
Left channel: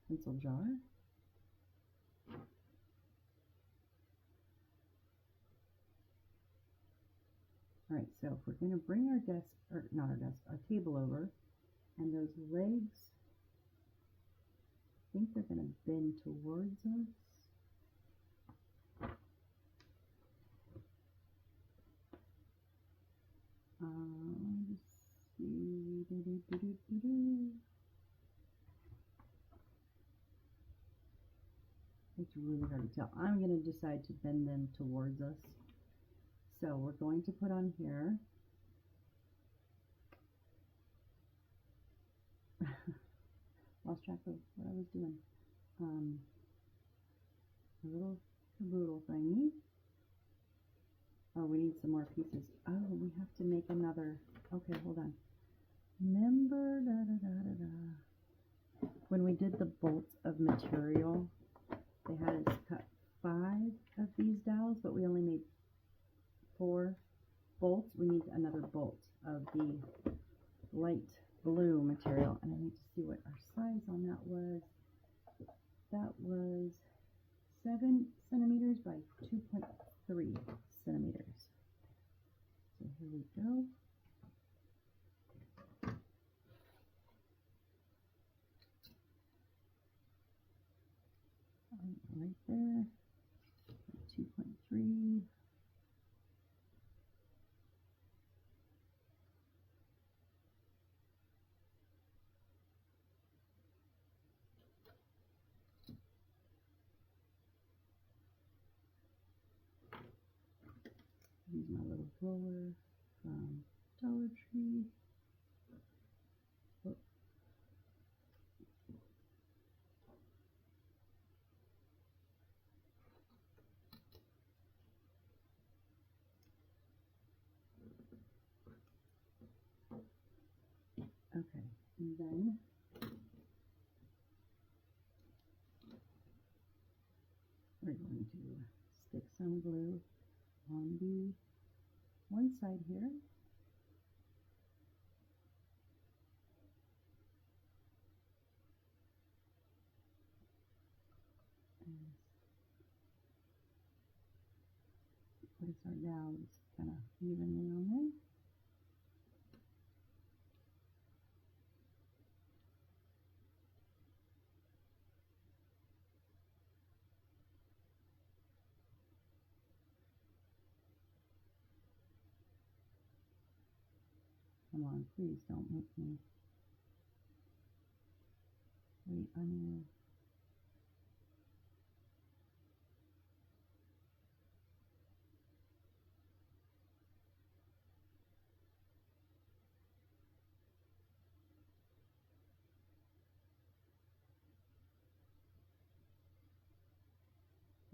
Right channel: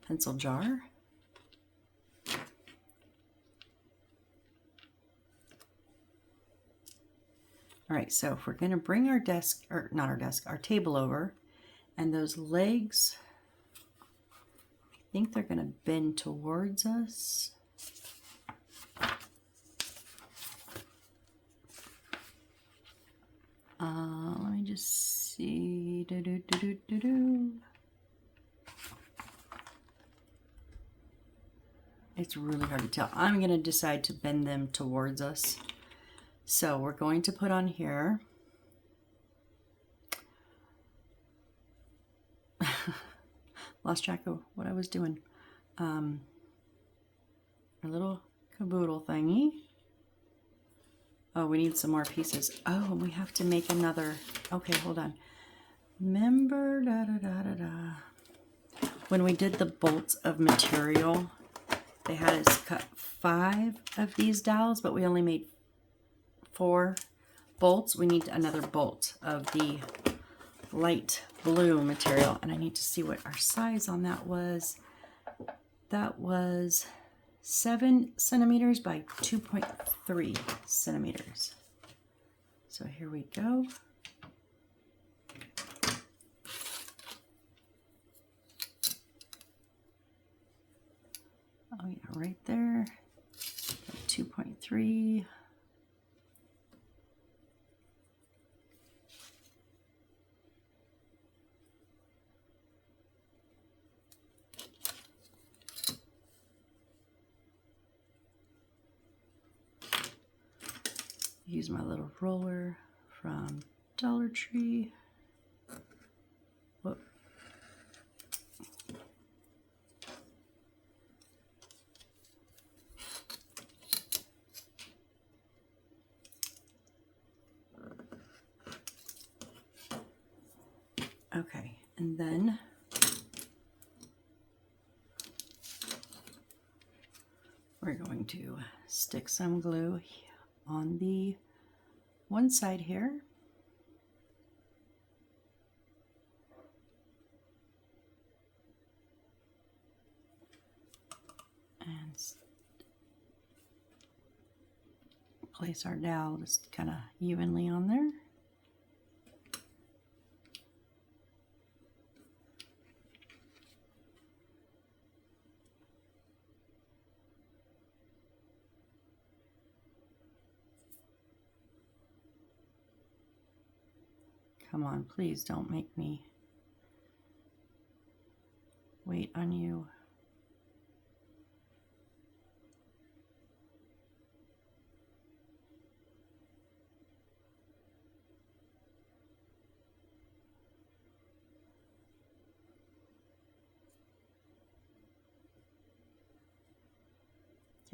pencil jar. All right, so if we're gonna bring our desk, or not our desk, our table over, and those legs, I think they're gonna bend towards us. Let me just see. It's really hard to tell. I'm going to decide to bend them towards us. So we're going to put on here. Lost track of what I was doing. Our little caboodle thingy. Oh, we need some more pieces. Oh, we have to make another. Okay, hold on. Remember, when we did the bolts of material, they had us cut 5 of these dowels, but we only made 4 bolts. We need another bolt of the light blue material, and I need to see what our size on that was. That was 7 centimeters by 2.3 centimeters. So here we go. Oh yeah, right there. 2.3. Use my little roller from Dollar Tree. Whoop. Okay, and then we're going to stick some glue on the one side here. And place our dowel just kind of evenly on there. Come on, please don't make me wait on you.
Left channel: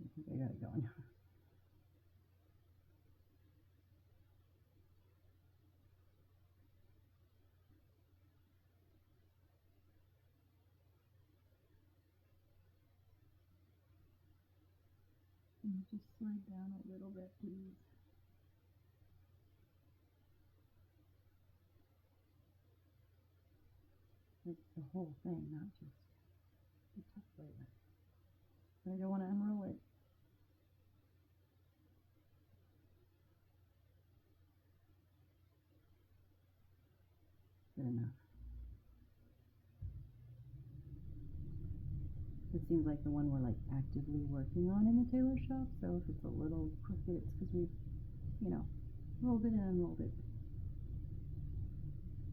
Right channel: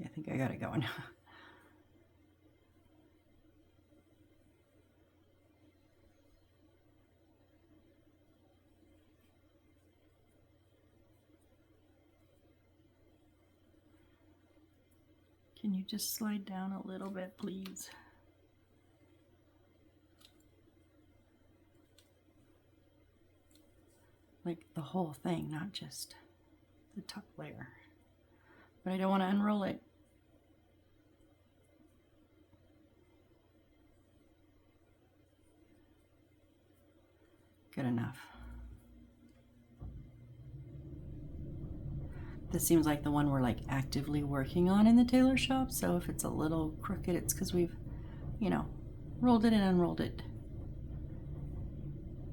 I think I got it going. Can you just slide down a little bit, please? Like the whole thing, not just the top layer. But I don't want to unroll it. Good enough. This seems like the one we're like actively working on in the tailor shop, so if it's a little crooked, it's because we've, you know, rolled it and unrolled it.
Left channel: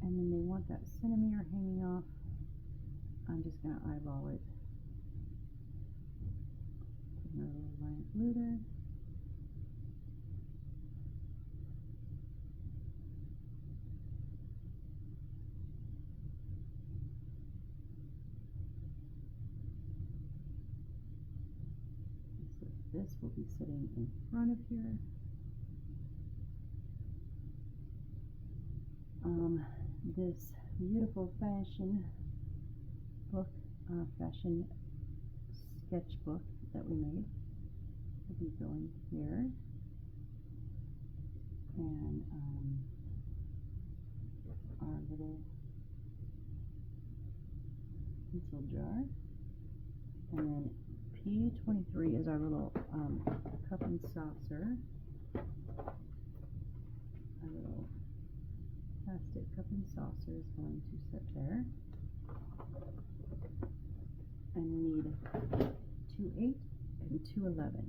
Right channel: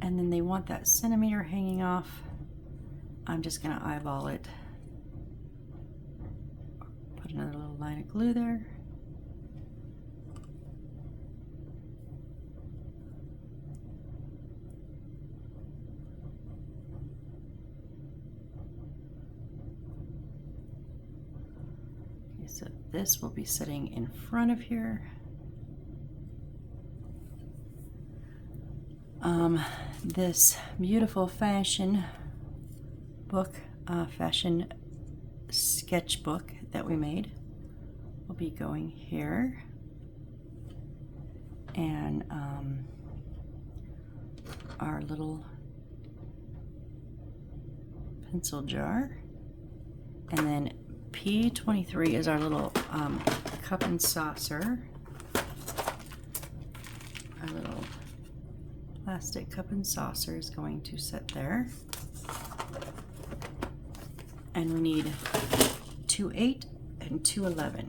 And then they want that centimeter hanging off. I'm just gonna eyeball it. Put another little line of glue there. So this will be sitting in front of here. This beautiful fashion book, fashion sketchbook that we made will be going here. And our little pencil jar. And then P23 is our little cup and saucer. Our little plastic cup and saucer is going to sit there. And we need 2/8 and 2/11.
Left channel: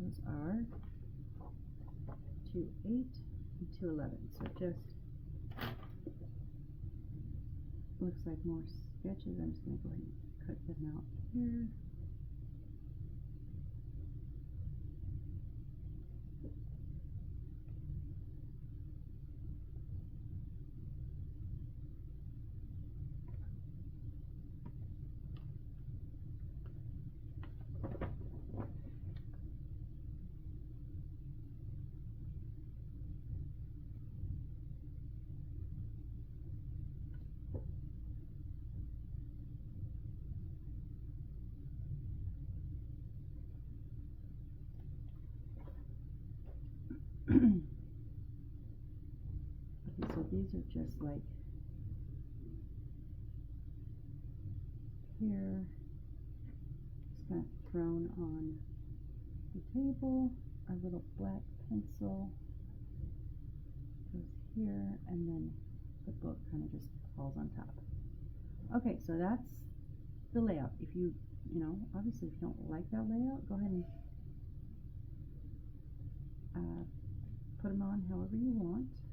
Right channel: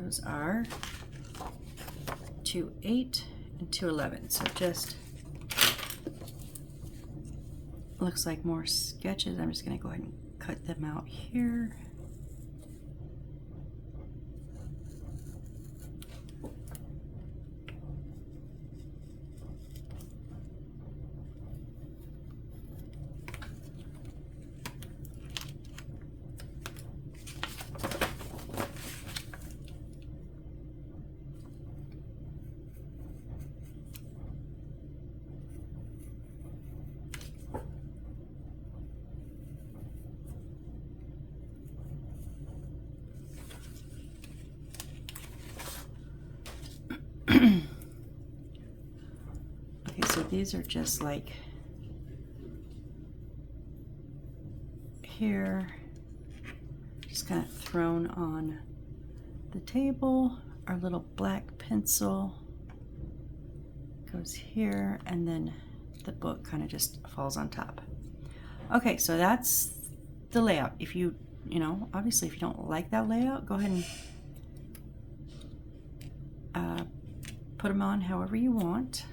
Those are 2/8 and 2/11. So just looks like more sketches. I'm just going to go ahead and cut them out here. Okay, so these are just like here, just kind of thrown on the table. Our little black pencil goes here, and then the book kind of just falls on top. Okay, so that's the layout. If you know, obviously if you don't like that layout, go ahead and put them on however you want.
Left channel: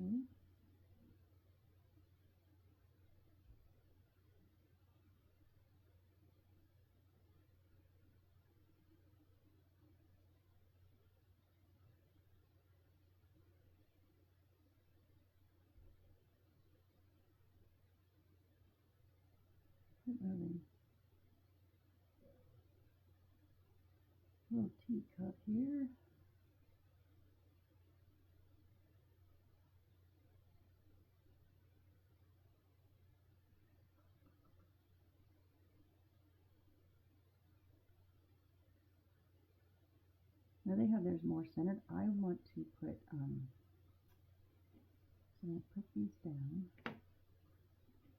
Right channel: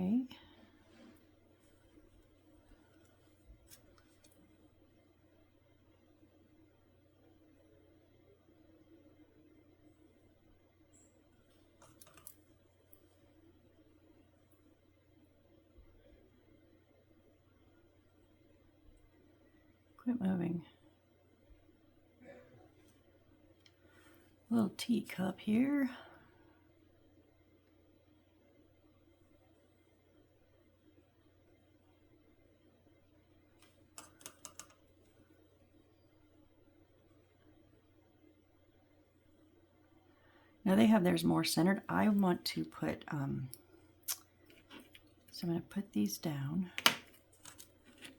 Okay. Quit moving. Little teacup here. Now they have theirs more centered. I want to put So I'm going to put these down,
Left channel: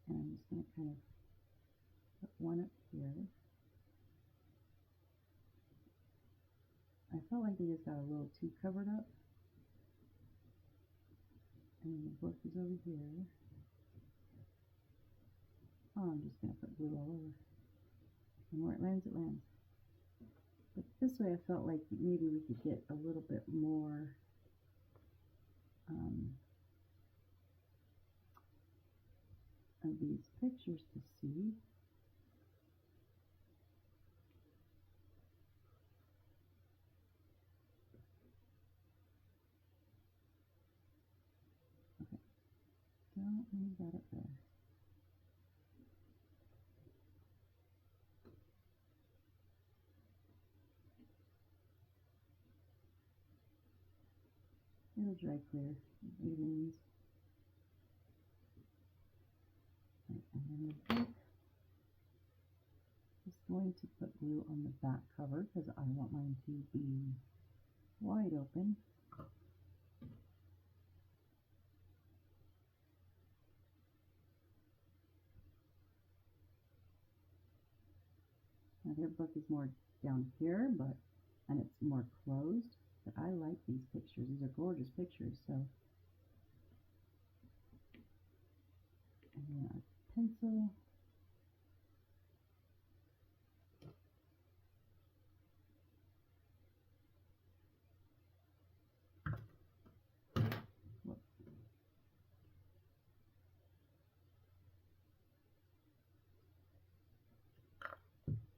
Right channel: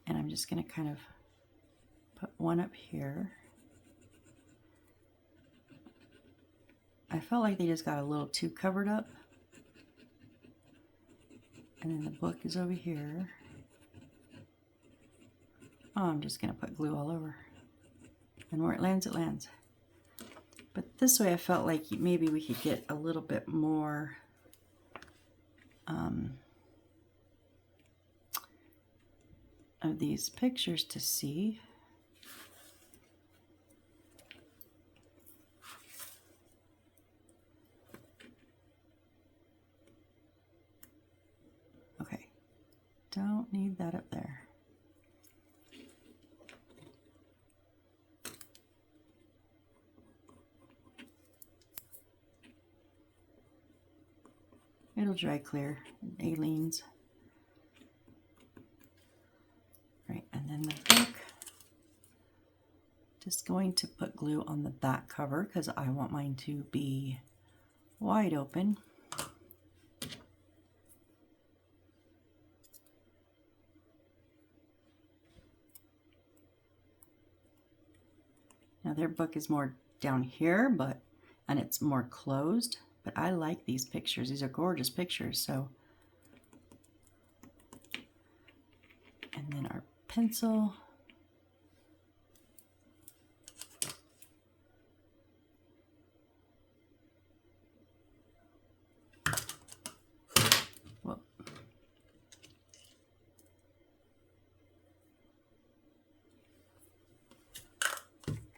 and I'm just going to kind of put one up here. I felt like they just got a little too covered up. And then the book is over here. Oh, I'm just going to put glue all over. And where it lands, it lands. But this way I felt like maybe we could get a little bit more of these pictures to see. Okay, don't need that up there. It'll dry clear, Aleene's. Right, and then the book. Just going to put glue on the back cover because I want mine to be wide open. Now their book is more down here, and it's more closed, but I like these pictures. These are gorgeous pictures. So, and then our pencil. Whoa.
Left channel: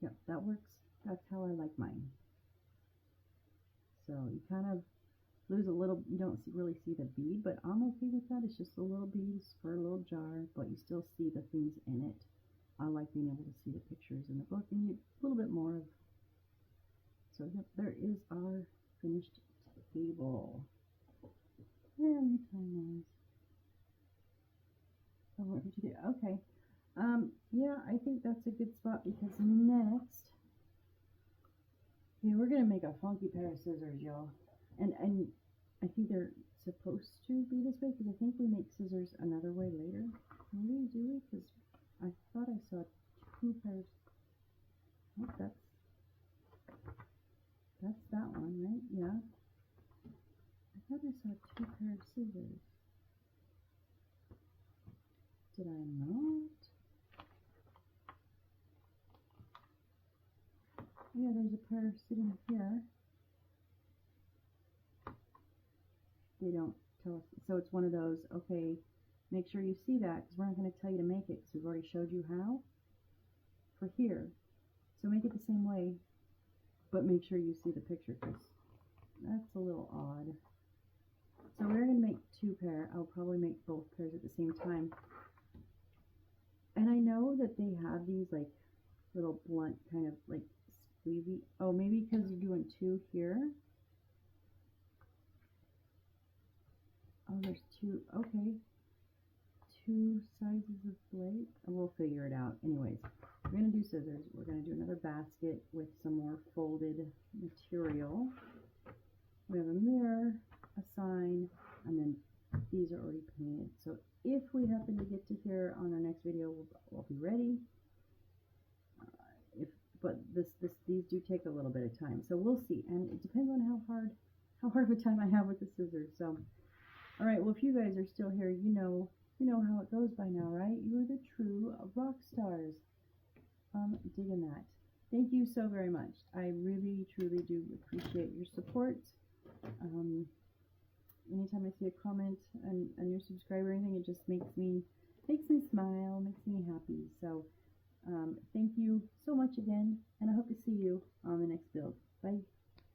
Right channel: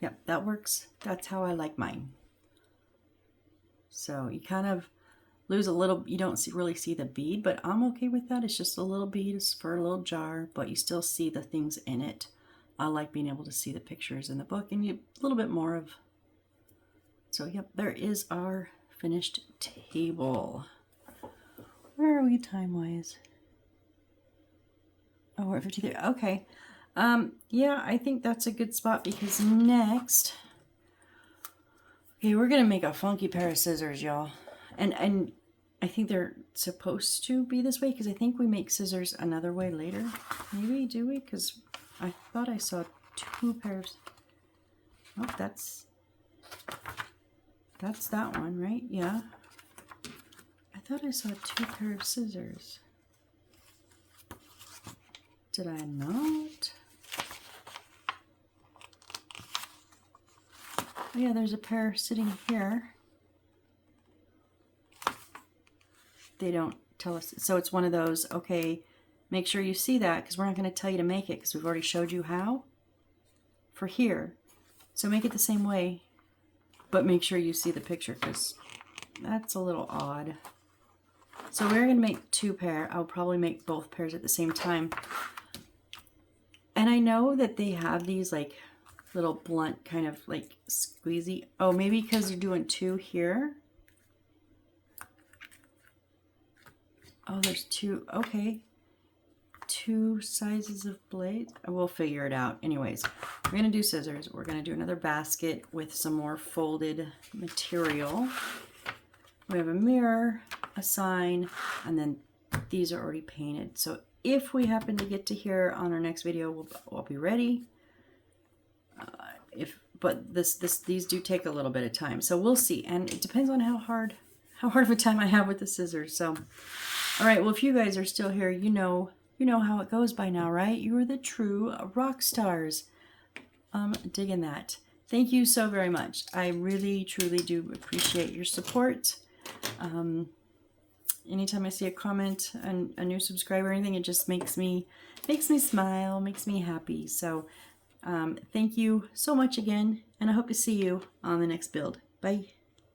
Yep, that works. That's how I like mine. So you kind of lose a little, you don't really see the bead, but I'm okay with that. It's just a little bead, it's for a little jar, but you still see the things in it. I like being able to see the pictures in the book and a little bit more of. So yep, there is our finished table. Where are we time-wise? Oh, we're at 53. Okay. Yeah, I think that's a good spot because next, okay, we're gonna make a funky pair of scissors, y'all. And I think they're supposed to be this way because I think we make scissors another way later. Maybe, do we? Because I thought I saw two pairs. Oh, that's that one, right? Yeah. I thought I saw two pairs of scissors. Did I not? Oh, yeah, there's a pair sitting here. They don't tell us. So it's one of those, okay, make sure you see that because we're not going to tell you to make it because we've already showed you how for here. So make it the same way, but make sure you see the picture because that's a little odd. So we're going to make two pair. I'll probably make both pairs at the same time. And I know that they have these like little blunt kind of like squeezy. Oh, maybe because you're doing two here. Oh, there's two. Okay. Two sizes of blades. We'll figure it out. Anyways, we're going to do scissors. We're going to do another basket with some more folded material. We have a mirror, a sign, and then these are already painted. So if we happen to get to here on our next video, we'll be ready. But these do take a little bit of time, so we'll see. And it depends on how hard of a time I have with the scissors. So, all right. Well, if you guys are still here, you know how it goes by now, right? You are the true rock stars. Digging that. Thank you so very much. I really, truly do appreciate your support. Anytime I see a comment and a new subscriber or anything, it just makes me smile, makes me happy. So thank you so much again, and I hope to see you on the next build. Bye.